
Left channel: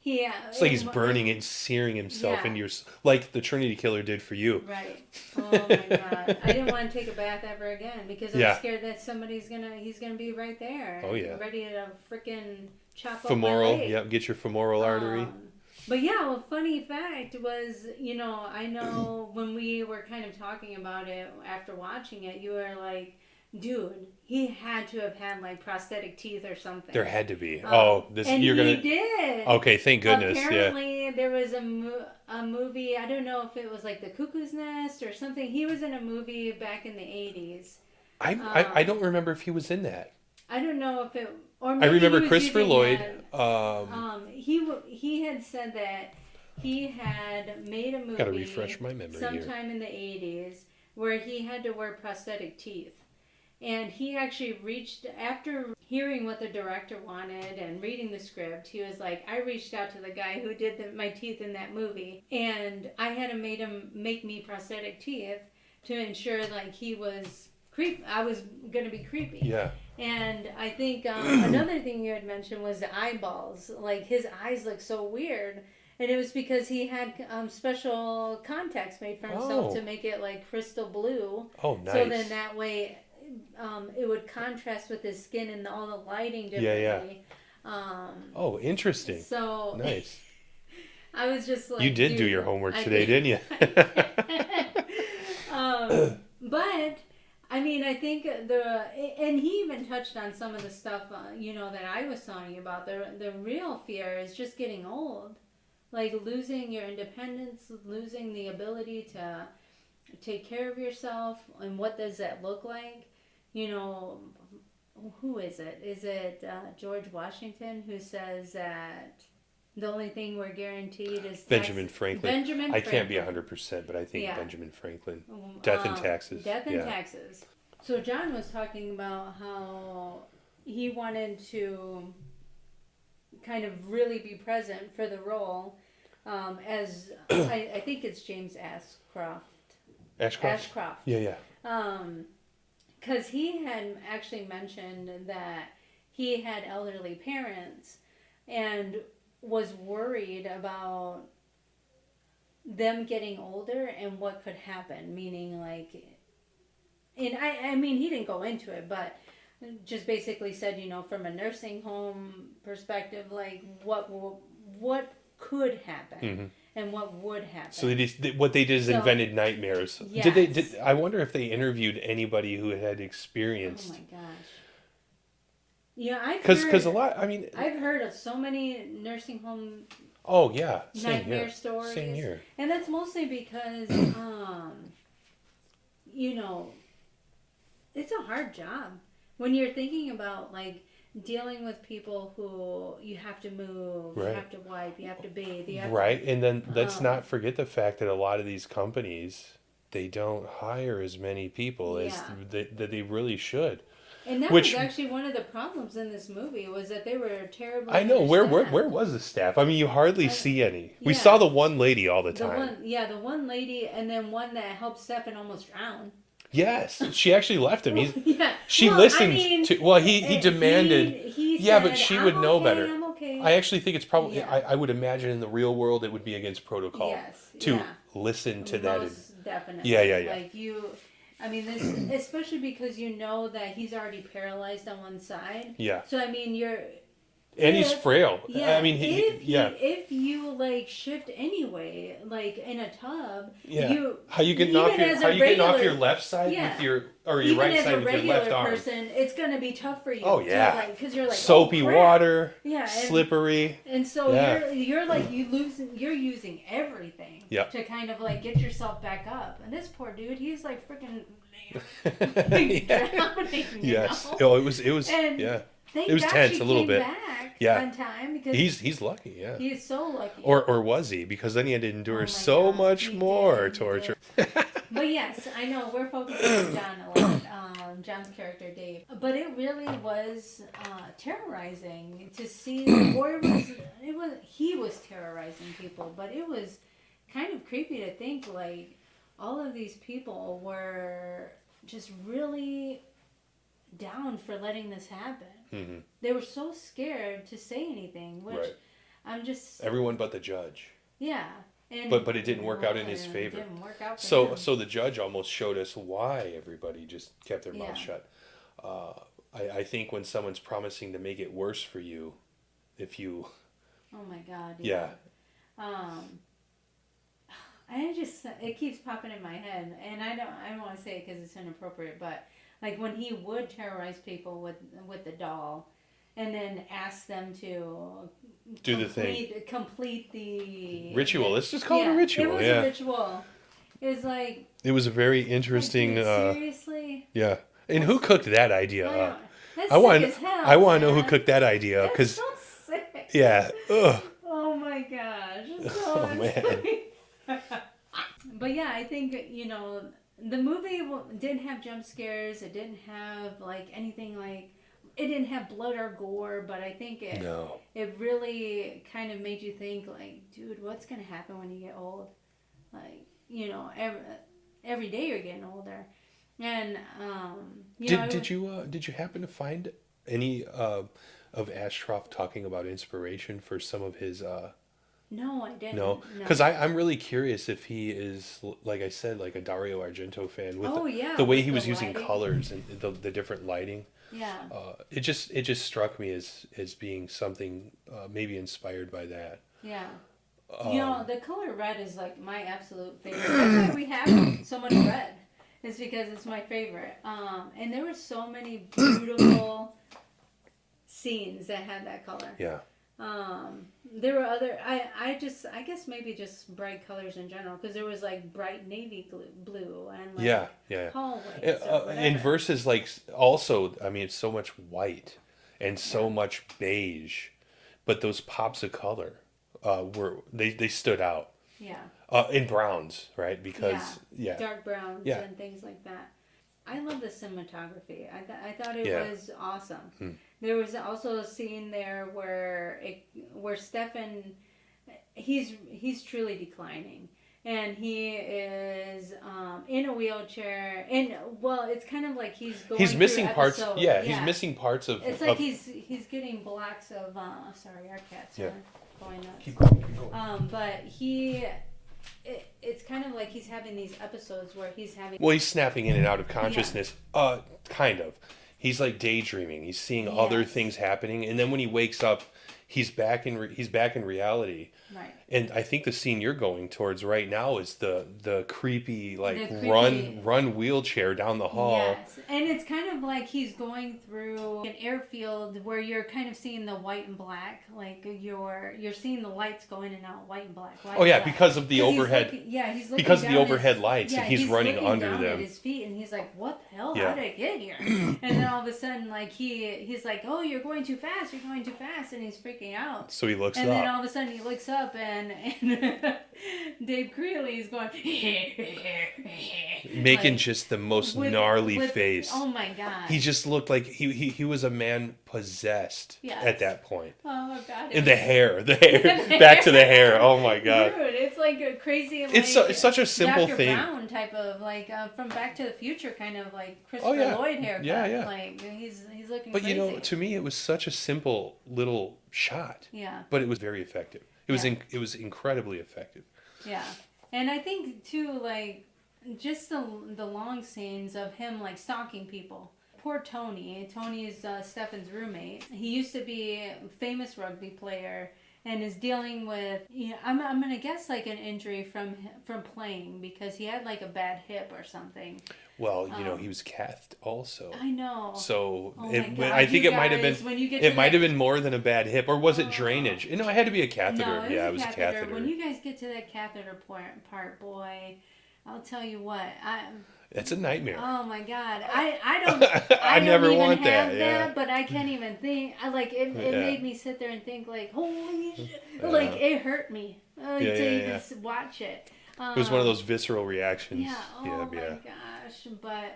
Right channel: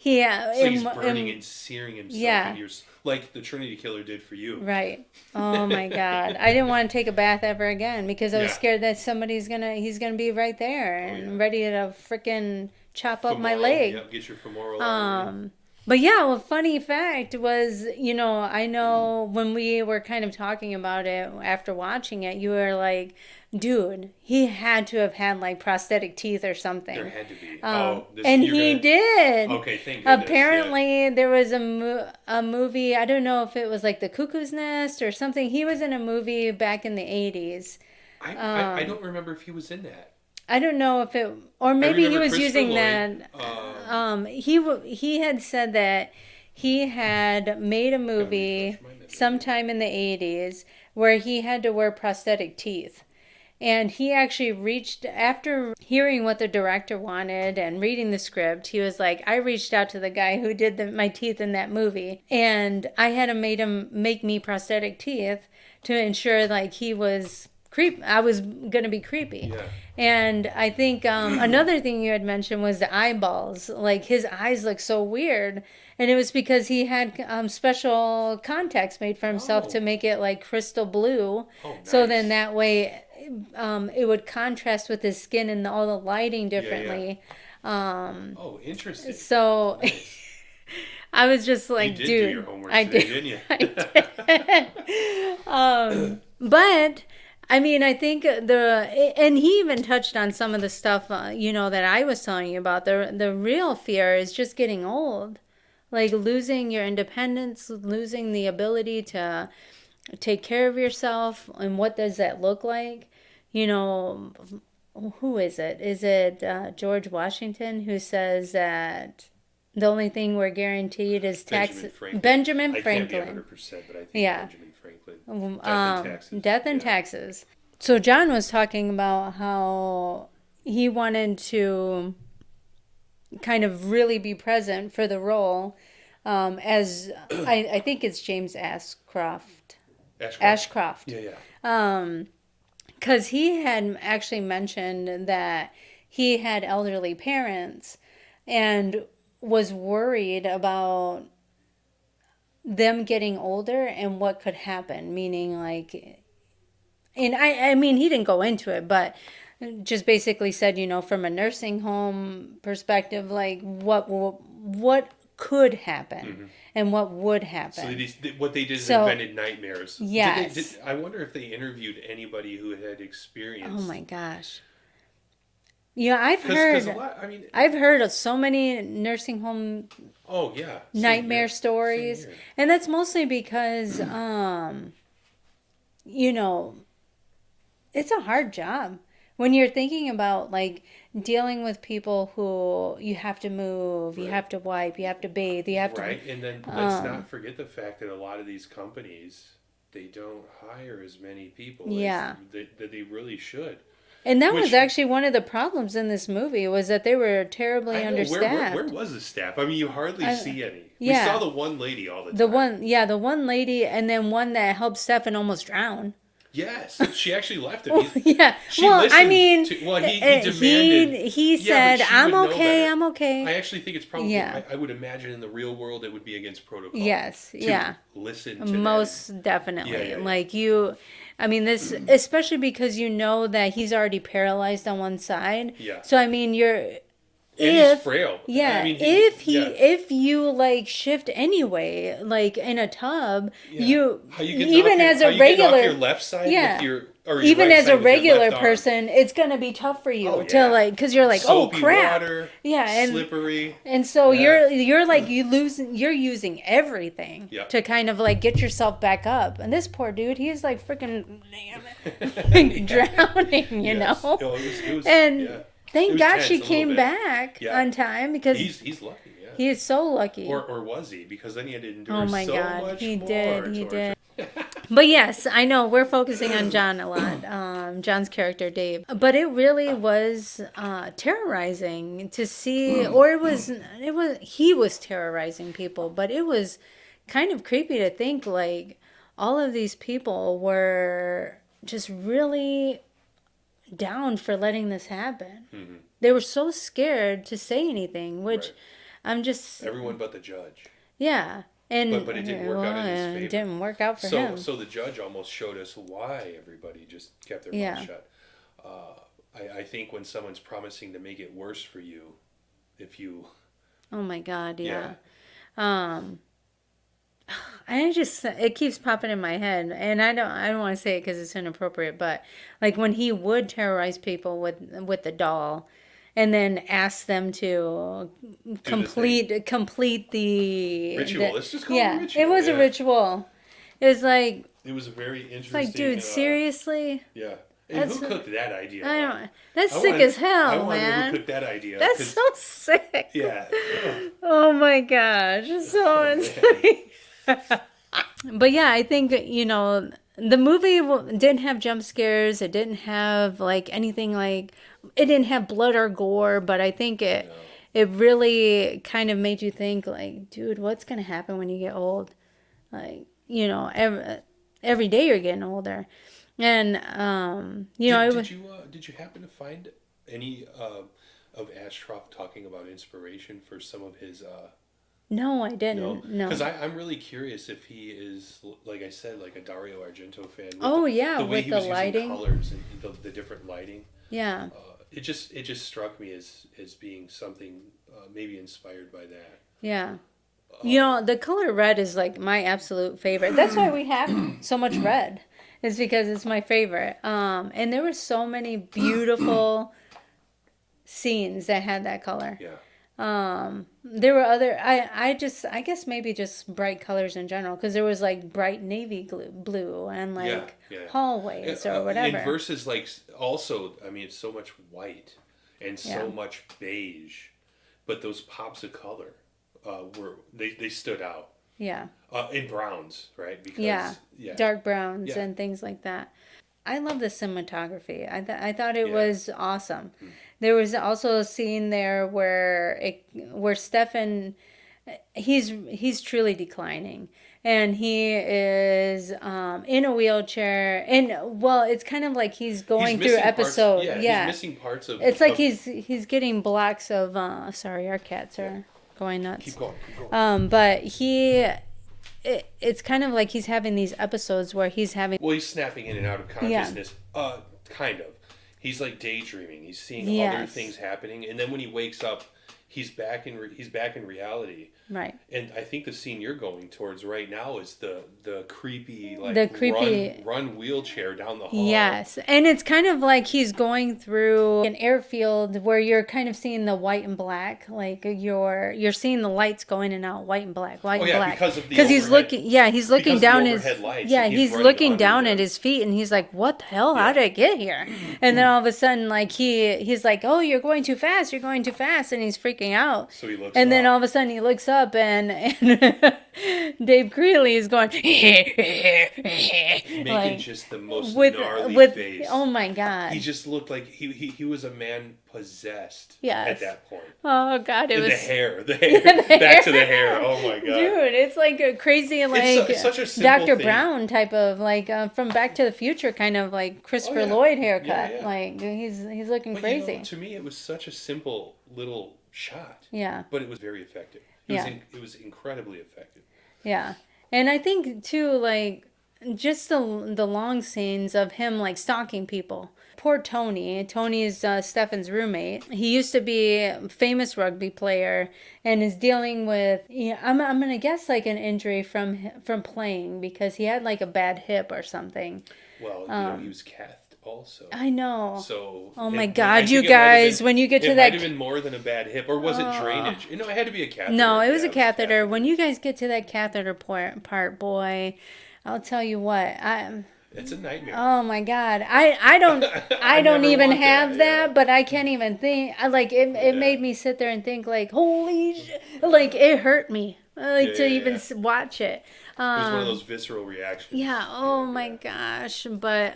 Yeah, it's like he's burning and searing himself into your, like the Trinity Killer did for you. Right. Oh my God, I didn't want to take a bath ever again because I was scared that he's gonna be right there and ready to freaking chop up my leg. Yep, get your femoral artery. But yeah, a funny fact was, I know when we were kind of talking about it after watching it, you were like, dude, he had to have had like prosthetic teeth or There something. had to be. And You're he gonna. did. Okay, thank goodness. Yeah. Apparently, there was a movie, I don't know if it was like The Cuckoo's Nest or something. He was in a movie back in the 80s. I don't remember if he was in that. I don't know if it, or I maybe he remember was Christopher using Lloyd. that. He had said that he had made a Gotta refresh movie my memory here. sometime in the 80s where he had to wear prosthetic teeth. And he actually reached, after hearing what the director wanted and reading the script, he was like, I reached out to the guy who did my teeth in that movie. And I had him make me prosthetic teeth to ensure like he was I was going to be creepy. Yeah. And I think another thing you had mentioned was the eyeballs. Like his eyes look so weird. And it was because he had special contacts made for himself to Oh. make it like crystal blue. Oh, nice. So then that way it would contrast with his skin and all the lighting differently. Oh, interesting. So Nice. I was just like, You did dude, do your homework I today, did. didn't you? I did. But I mean, I think and he even touched on some of the stuff, that I was telling you about. The real fear is just getting old, like losing your independence, losing the ability to take care of yourself. And what does that look like? Who is it? Is it George Washington who says that the only thing we're guaranteed is tax? Benjamin Franklin. Benjamin I Franklin. can't be 100%, but I think Yeah. Benjamin Franklin. Death and taxes. Death and taxes. So John was talking about how he wanted to kind of really be present for the role, as I think it's James Ashcroft. Ashcroft. Yeah, yeah. Because he had actually mentioned that he had elderly parents and was worried about them getting older and what could happen. Meaning, like, and I mean, he didn't go into it, but just basically said, from a nursing home perspective, like what could happen and what would happen. So what they did is invented nightmares. Yes. I wonder if they interviewed anybody who had experienced. Oh my gosh. Yeah, I've heard. Because a lot. I mean, I've heard of so many nursing home oh yeah, nightmare stories, and that's mostly because, it's a hard job when you're thinking about like dealing with people who you have to move, you have to wipe, you have to bathe, you have right. And then let's not forget the fact that a lot of these companies, they don't hire as many people as that they really should. And that was actually one of the problems in this movie, was that they were terribly understaffed. Where was the staff? I mean, you hardly see any. We saw the one lady all the time. The one lady, and then one that helped Stefan almost drown. Yes, she actually left him. She well, listened. I mean, he demanded. He said, but she "I'm would know okay. better. I'm okay." I actually think it's probably. Yeah. I would imagine in the real world it would be against protocol. Yes. To listen to most definitely. Yeah. Like you. I mean, this, especially because that he's already paralyzed on one side. Yeah. So, I mean, he's frail. Yeah. I mean, if you like shift anyway, like in a tub, how you get even as a regular off your left side with your even right as side a with your regular left arm. person, it's gonna be tough for you to like, because you're like, soapy oh crap, water, and slippery, and so you're like you're using everything to kind of like get yourself back up. And this poor dude, he's like freaking drowning, you know. Oh, it was and thank God she came back on time, because he's lucky. Yeah, he is so lucky. Or was he? Because then he had to endure much more torture. But yes, I know we're focusing on John a lot, John's character Dave, but it really was terrorizing to see, or he was terrorizing people, but it was kind of creepy to think like all of these people were just really down for letting this happen. Mm-hmm. They were so scared to say anything, which I'm just everyone but the judge. Yeah. And, but it didn't work out in his favor. It didn't work out for him. So the judge almost showed us why everybody just kept their mouth shut. I think when someone's promising to make it worse for you, if you... Oh my God, yeah. Um, it keeps popping in my head, and I don't want to say it because it's inappropriate, but like when he would terrorize people with the doll, and then ask them to complete the ritual. Let's just call it a ritual. It was a ritual. It was like, it was a very interesting. dude, seriously? Yeah. And who cooked that idea up? That's sick as hell. I want to know who cooked that idea. That's so sick. Yeah. Ugh. Oh my gosh. But yeah, I think, the movie didn't have jump scares. It didn't have like anything like, it didn't have blood or gore, but I think it really kind of made you think like, dude, what's going to happen when you get old? Like, every day you're getting older. And did you happen to find any of Ashcroft talking about inspiration for some of his No, I didn't. No. Because I'm really curious if he is, like I said, like a Dario Argento fan. With the way he was lighting. using colors and the different lighting. Yeah. It just struck me as being something maybe inspired by that. Yeah. The color red is like my absolute favorite. That's why we have so much red. It's because it's my favorite. And there were so many beautiful scenes that had that color. Yeah. There were other. I guess maybe just bright colors in general, because there was like bright navy blue and like hallways or whatever. And versus like also, I mean, it's so much white and so much beige, but those pops of color they stood out. Yeah. In browns, right? Because dark browns and things like that. I love the cinematography. I thought it was awesome. There was also a scene there where Stefan, he's truly declining, and he is in a wheelchair, and it's kind of like he's going through episode. He's missing parts of. It's like he's getting blocks of. Sorry, our cats are going nuts. Keep going. But it's kind of like he's having these episodes where he's having. Well, he's snapping in and out of consciousness. Kind of. He's like daydreaming. He's seeing other things happening, and then when he wakes up, he's back in reality. Right. And I think the scene you're going towards right now is the creepy run wheelchair down the hall. Yes, and it's kind of like he's going through an airfield where you're kind of seeing the white and black, like you're seeing the lights going in and out, white and black, black. Because of the overhead. He's looking down the overhead lights. Yeah, he's looking down at his feet, and he's like, "What the hell? How did I get here?" And then all of a sudden, like he's like, "Oh, you're going too fast! You're going too fast!" And he's freaking out. So he looks and up. then all of a sudden he looks up, and Dave Creeley is going making just the most gnarly face. Oh my god! He just looked like he was a man possessed at that point. Oh god! The hair. Back to the hair. Oh my god! Dude, it's like a crazy it's such a simple Dr. thing. Brown type of like from Back to the Future kind of like Christopher Lloyd haircut. Yeah. Like he's looking crazy. To me, it was such a simple little shot. Yeah. But it was very effective. It was incredibly effective. Yeah. And I think too, like just the long scenes of him like stalking people. Poor Tony. Tony is Stefan's roommate. He used to be a famous rugby player and is dealing with, I'm gonna guess like an injury from playing, because he had like a bad hip or something. Well, he was cathed also. I know. So. Oh my God, you guys! When you get to that, it might have been more than a bad hip, or was it drainage? No, it had to be a catheter. No, it was a catheter. When you guys get to that catheter part, boy, I'll tell you what. It's a nightmare. Oh my God, I don't even have that, but I can't even think. It made me sit there and think like, holy shit, like it hurt me to even watch it. It was one of those visceral reactions. Yeah. Oh my gosh. But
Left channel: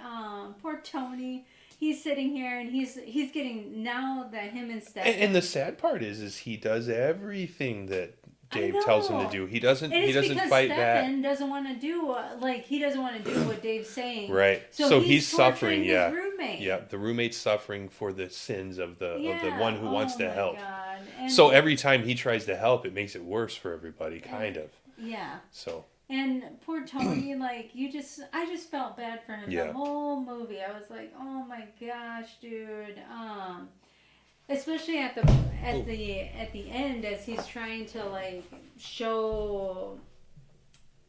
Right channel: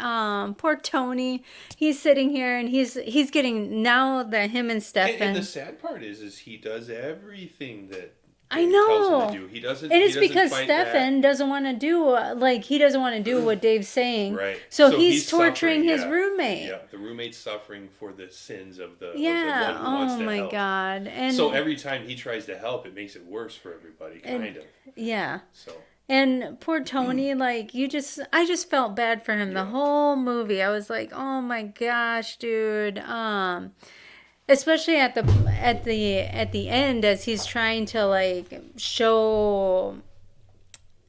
poor Tony, he's sitting here and he's getting, now that him and Stefan. And the sad part is he does everything that Dave tells him to do. He doesn't. And it's because Stefan doesn't want to do he doesn't want to do what Dave's saying. Right. So he's torturing his roommate. Yeah. The roommate's suffering for the sins of the one who wants to help. Oh my God. And so every time he tries to help, it makes it worse for everybody. Kind of. Yeah. So. And poor Tony, I just felt bad for him the whole movie. I was like, oh my gosh, dude. especially at the end, as he's trying to like show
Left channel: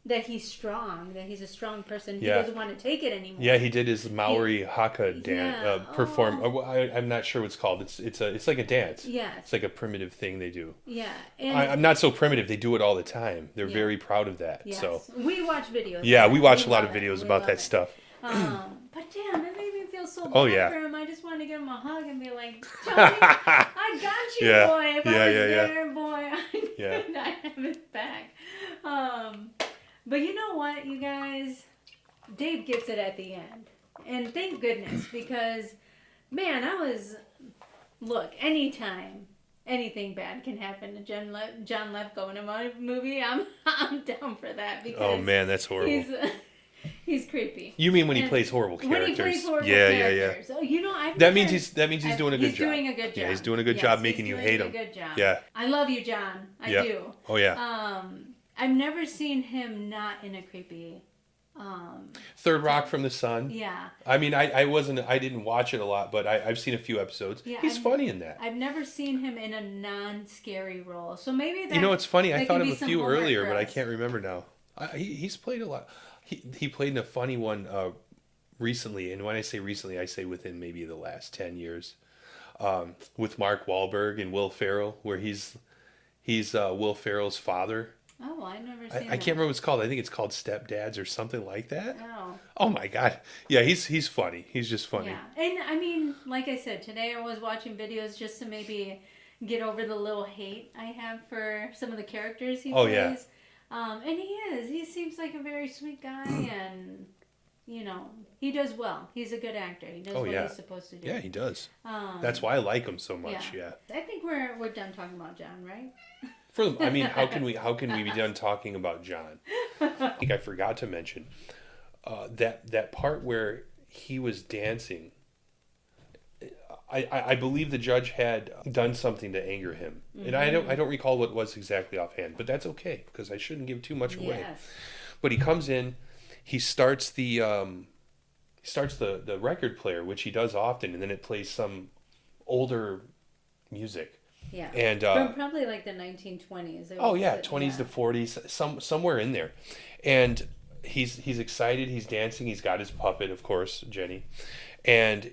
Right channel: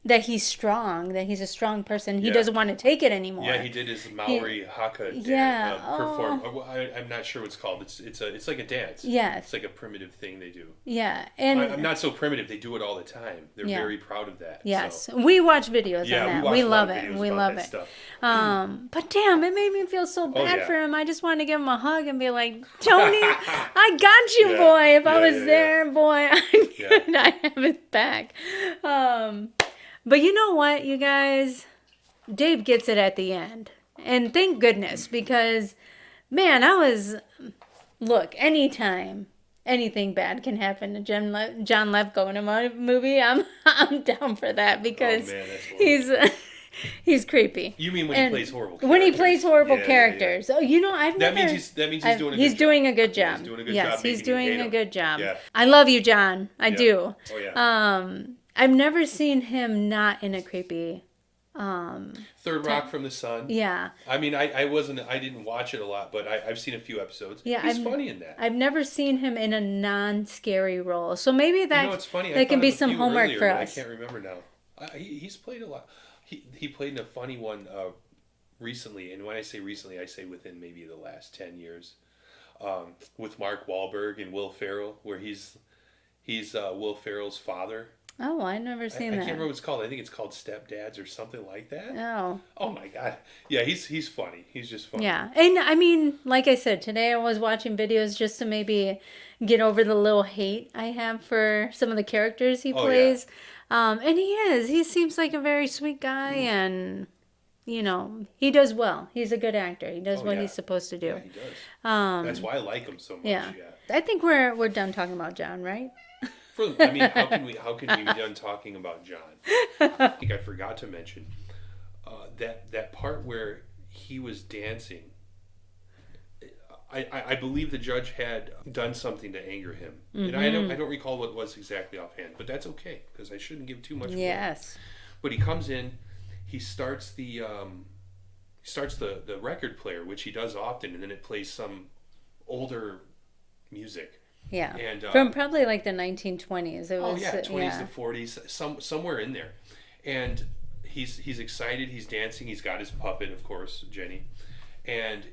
that he's strong, that he's a strong person. He doesn't want to take it anymore. Yeah, he did his Maori Haka dance perform. I'm not sure what it's called. It's like a dance. Yes. It's like a primitive thing they do. Yeah, and I'm not so primitive. They do it all the time. They're very proud of that. Yes, so. we watch videos. Yeah, we watch a lot of it. videos We about love that it. stuff. But damn, it made me feel so bad for him. I just wanted to give him a hug and be like, Tony, I got you, boy. If I was there, boy, I'd have his back. But you know what, you guys? Dave gets it at the end. And thank goodness, because, man, look, anytime anything bad can happen to John Lithgow in a movie, I'm down for that, because oh, man, that's horrible. He's creepy. You mean when he plays horrible characters? When he plays horrible characters. Oh, you know, that means he's doing a good job. He's doing a good job. Yeah, he's doing a good job making you hate him. He's doing a good job. Yeah. I love you, John. I do. Oh, yeah. I've never seen him not in a creepy... Third Rock from the Sun. Yeah. I mean, I didn't watch it a lot, but I've seen a few episodes. Yeah, he's funny in that. I've never seen him in a non-scary role. So maybe that, you know, it's funny. That can be some homework earlier, for us. But I can't remember now. He's played a lot. He played in a funny one recently, and when I say recently, I say within maybe the last 10 years, with Mark Wahlberg and Will Ferrell, where he's Will Ferrell's father. Oh, I've never seen that. I can't remember what it's called. I think it's called Stepdads or something like that. Oh. Oh my God. Yeah, he's funny. He's just funny. Yeah. And I mean, like I said, today I was watching videos just to maybe get over the little hate I have for some of the characters he plays. Yeah. And he seems like a very sweet guy, and you know, he does well. He's a good actor. He does what he's supposed to do. Yeah, he does. That's why I like him so much. Yeah. I think we're done talking about John, right? I mean, how can we be done talking about John? I think I forgot to mention that part where he was dancing. I believe the judge had done something to anger him, and I don't recall what it was exactly offhand, but that's okay because I shouldn't give too much away. Yes. But he comes in, he starts the record player, which he does often, and then it plays some older music. Yeah, and from probably like the 1920s. 20s to 40s, somewhere in there. And he's excited. He's dancing. He's got his puppet, of course, Jenny, and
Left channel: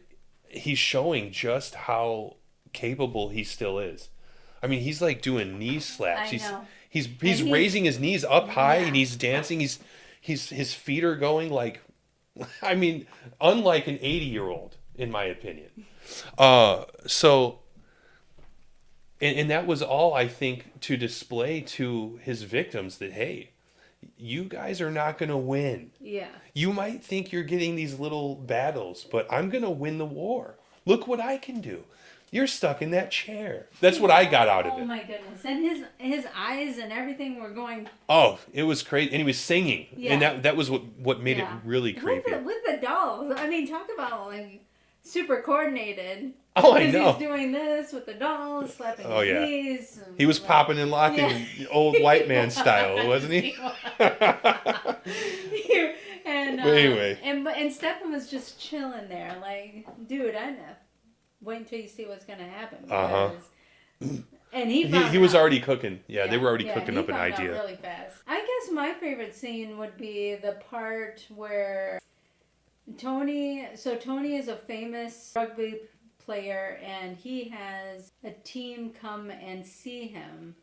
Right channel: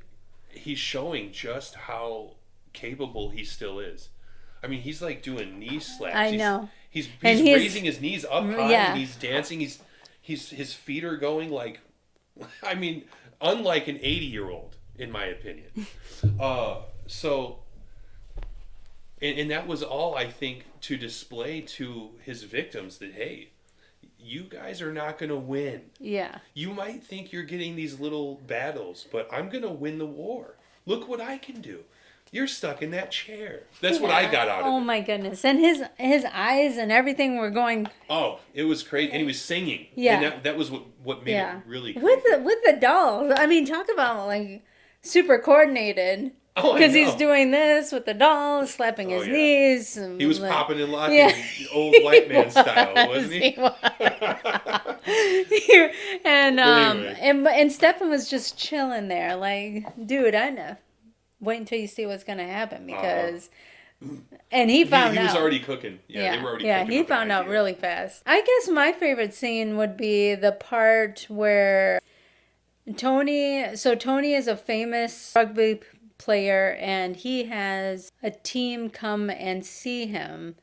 he's showing just how capable he still is. I mean, he's like doing knee slaps. I know. He's raising his knees up high, and he's dancing. His feet are going like, I mean, unlike an 80-year-old, in my opinion. So. And that was all, I think, to display to his victims that, hey, you guys are not going to win. Yeah. You might think you're getting these little battles, but I'm going to win the war. Look what I can do. You're stuck in that chair. That's what I got out of it. Oh, my goodness. And his eyes and everything were going... Oh, it was crazy. And he was singing. Yeah. And that was what made it really creepy. With the dolls. I mean, talk about, like, super coordinated. Oh, because he's doing this with the doll, slapping his knees. He was popping and locking old white man style, wasn't he? And Stefan was just chilling there, like, dude, I know. Wait until you see what's gonna happen, because. And he found out. He was already cooking. Yeah, they were already cooking. Yeah, he found out really fast. I guess my favorite scene would be the part where Tony is a famous rugby player, and he has a team come and see him.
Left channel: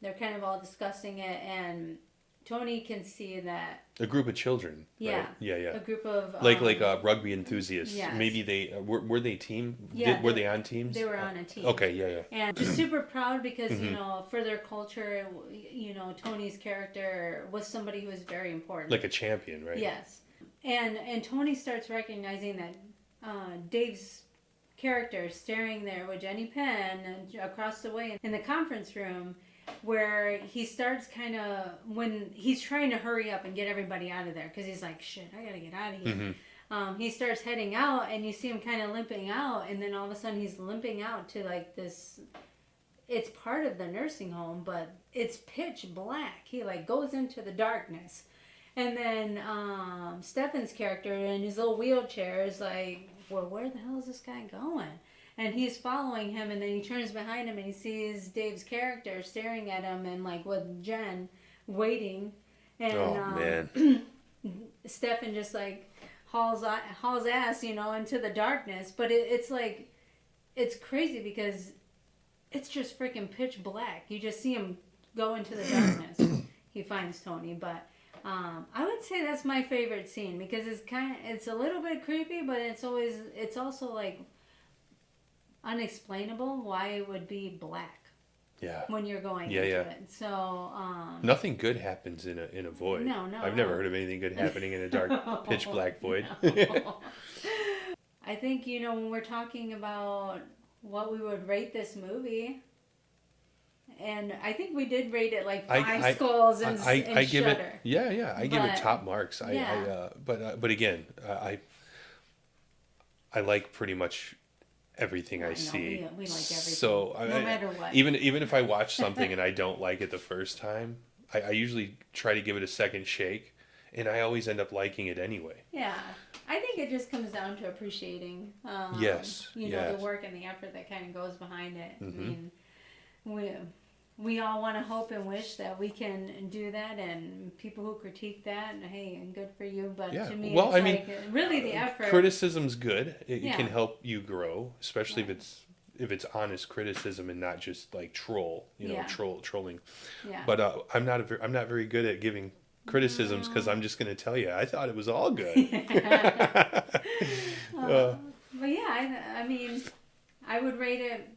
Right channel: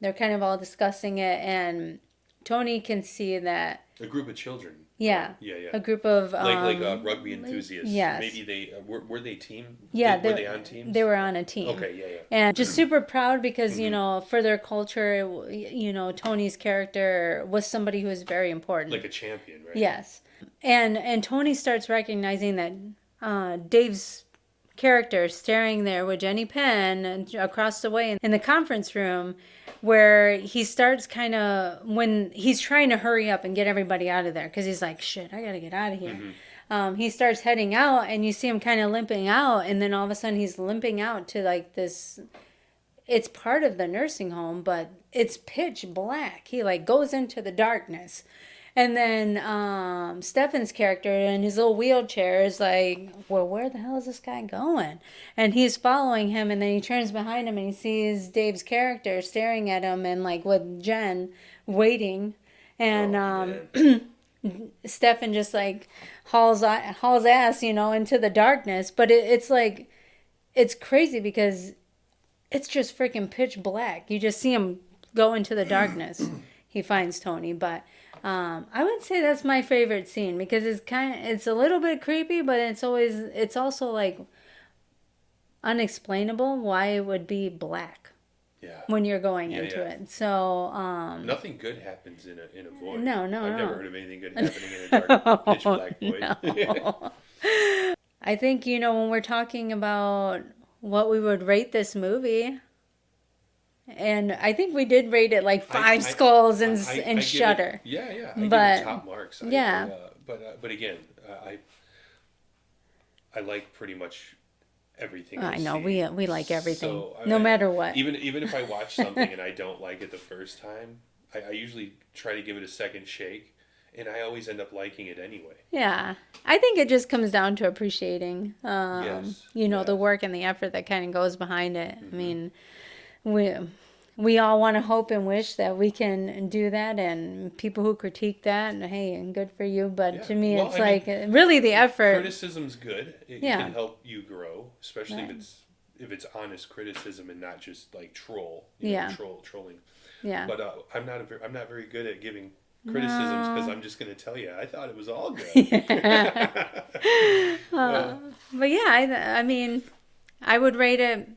They're kind of all discussing it, and Tony can see that a group of children. Yeah, right? Yeah. A group of like rugby enthusiasts. Yes. Maybe they were they team. Yeah, were they on teams? They were on a team. Okay, yeah. And just super proud because you know, for their culture, you know, Tony's character was somebody who was very important, like a champion, right? Yes, and Tony starts recognizing that Dave's character staring there with Jenny Penn across the way in the conference room, where he starts kind of, when he's trying to hurry up and get everybody out of there because he's like, shit, I gotta get out of here. He starts heading out, and you see him kind of limping out, and then all of a sudden he's limping out to like this, it's part of the nursing home, but it's pitch black. He like goes into the darkness, And then Stefan's character in his little wheelchair is like, well, where the hell is this guy going? And he's following him, and then he turns behind him and he sees Dave's character staring at him and like with Jen waiting. And man. Stefan just like hauls ass, into the darkness. But it's like, it's crazy because it's just freaking pitch black. You just see him go into the darkness. He finds Tony, but I would say that's my favorite scene because it's a little bit creepy, but it's also like unexplainable why it would be black. Yeah. When you're going into it. So nothing good happens in a void. No. I've never heard of anything good happening in a dark pitch black void. No. I think, when we're talking about what we would rate this movie, and I think we did rate it like 5 skulls in Shudder. I give it top marks. But again, I like pretty much everything I know see. we like everything, so no matter what. Even if I watch something and I don't like it the first time, I usually try to give it a second shake, and I always end up liking it anyway. Yeah, I think it just comes down to appreciating, yes. the work and the effort that kind of goes behind it. Mm-hmm. I mean, we all want to hope and wish that we can do that, and people who critique that, hey, good for you. But to me, really the effort. Criticism's good. It can help you grow, especially if it's honest criticism and not just like trolling. Yeah. But I'm not very good at giving criticisms because I'm just going to tell you I thought it was all good. But yeah, I mean, I would rate it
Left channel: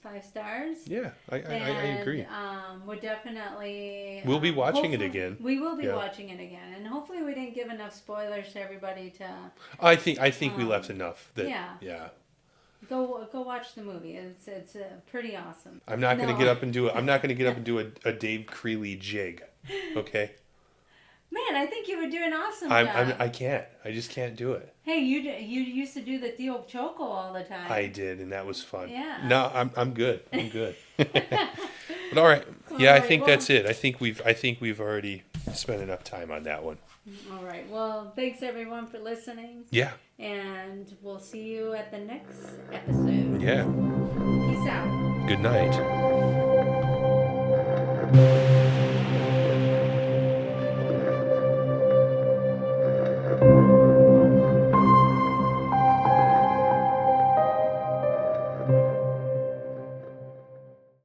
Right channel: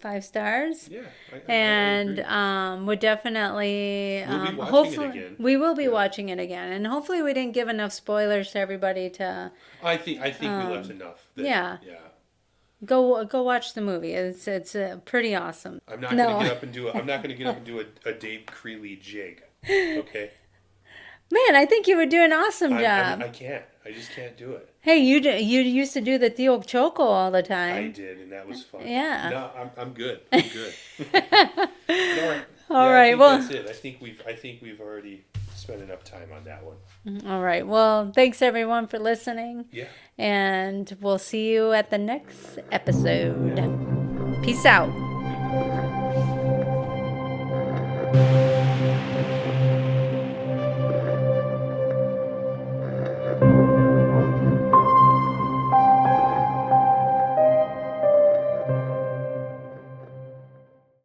5 stars. Yeah, I agree. Would definitely. We'll be watching it again. We will be watching it again, and hopefully we didn't give enough spoilers to everybody to. I think we left enough. Yeah. Go watch the movie. It's pretty awesome. I'm not going to get up and do a Dave Creeley jig. Okay. Man, I think you would do an awesome job. I can't. I just can't do it. Hey, you used to do the Theo Choco all the time. I did, and that was fun. Yeah. No, I'm good. I'm good. But all right. I think that's it. I think we've already spent enough time on that one. All right. Well, thanks everyone for listening. Yeah. And we'll see you at the next episode. Yeah. Peace out. Good night.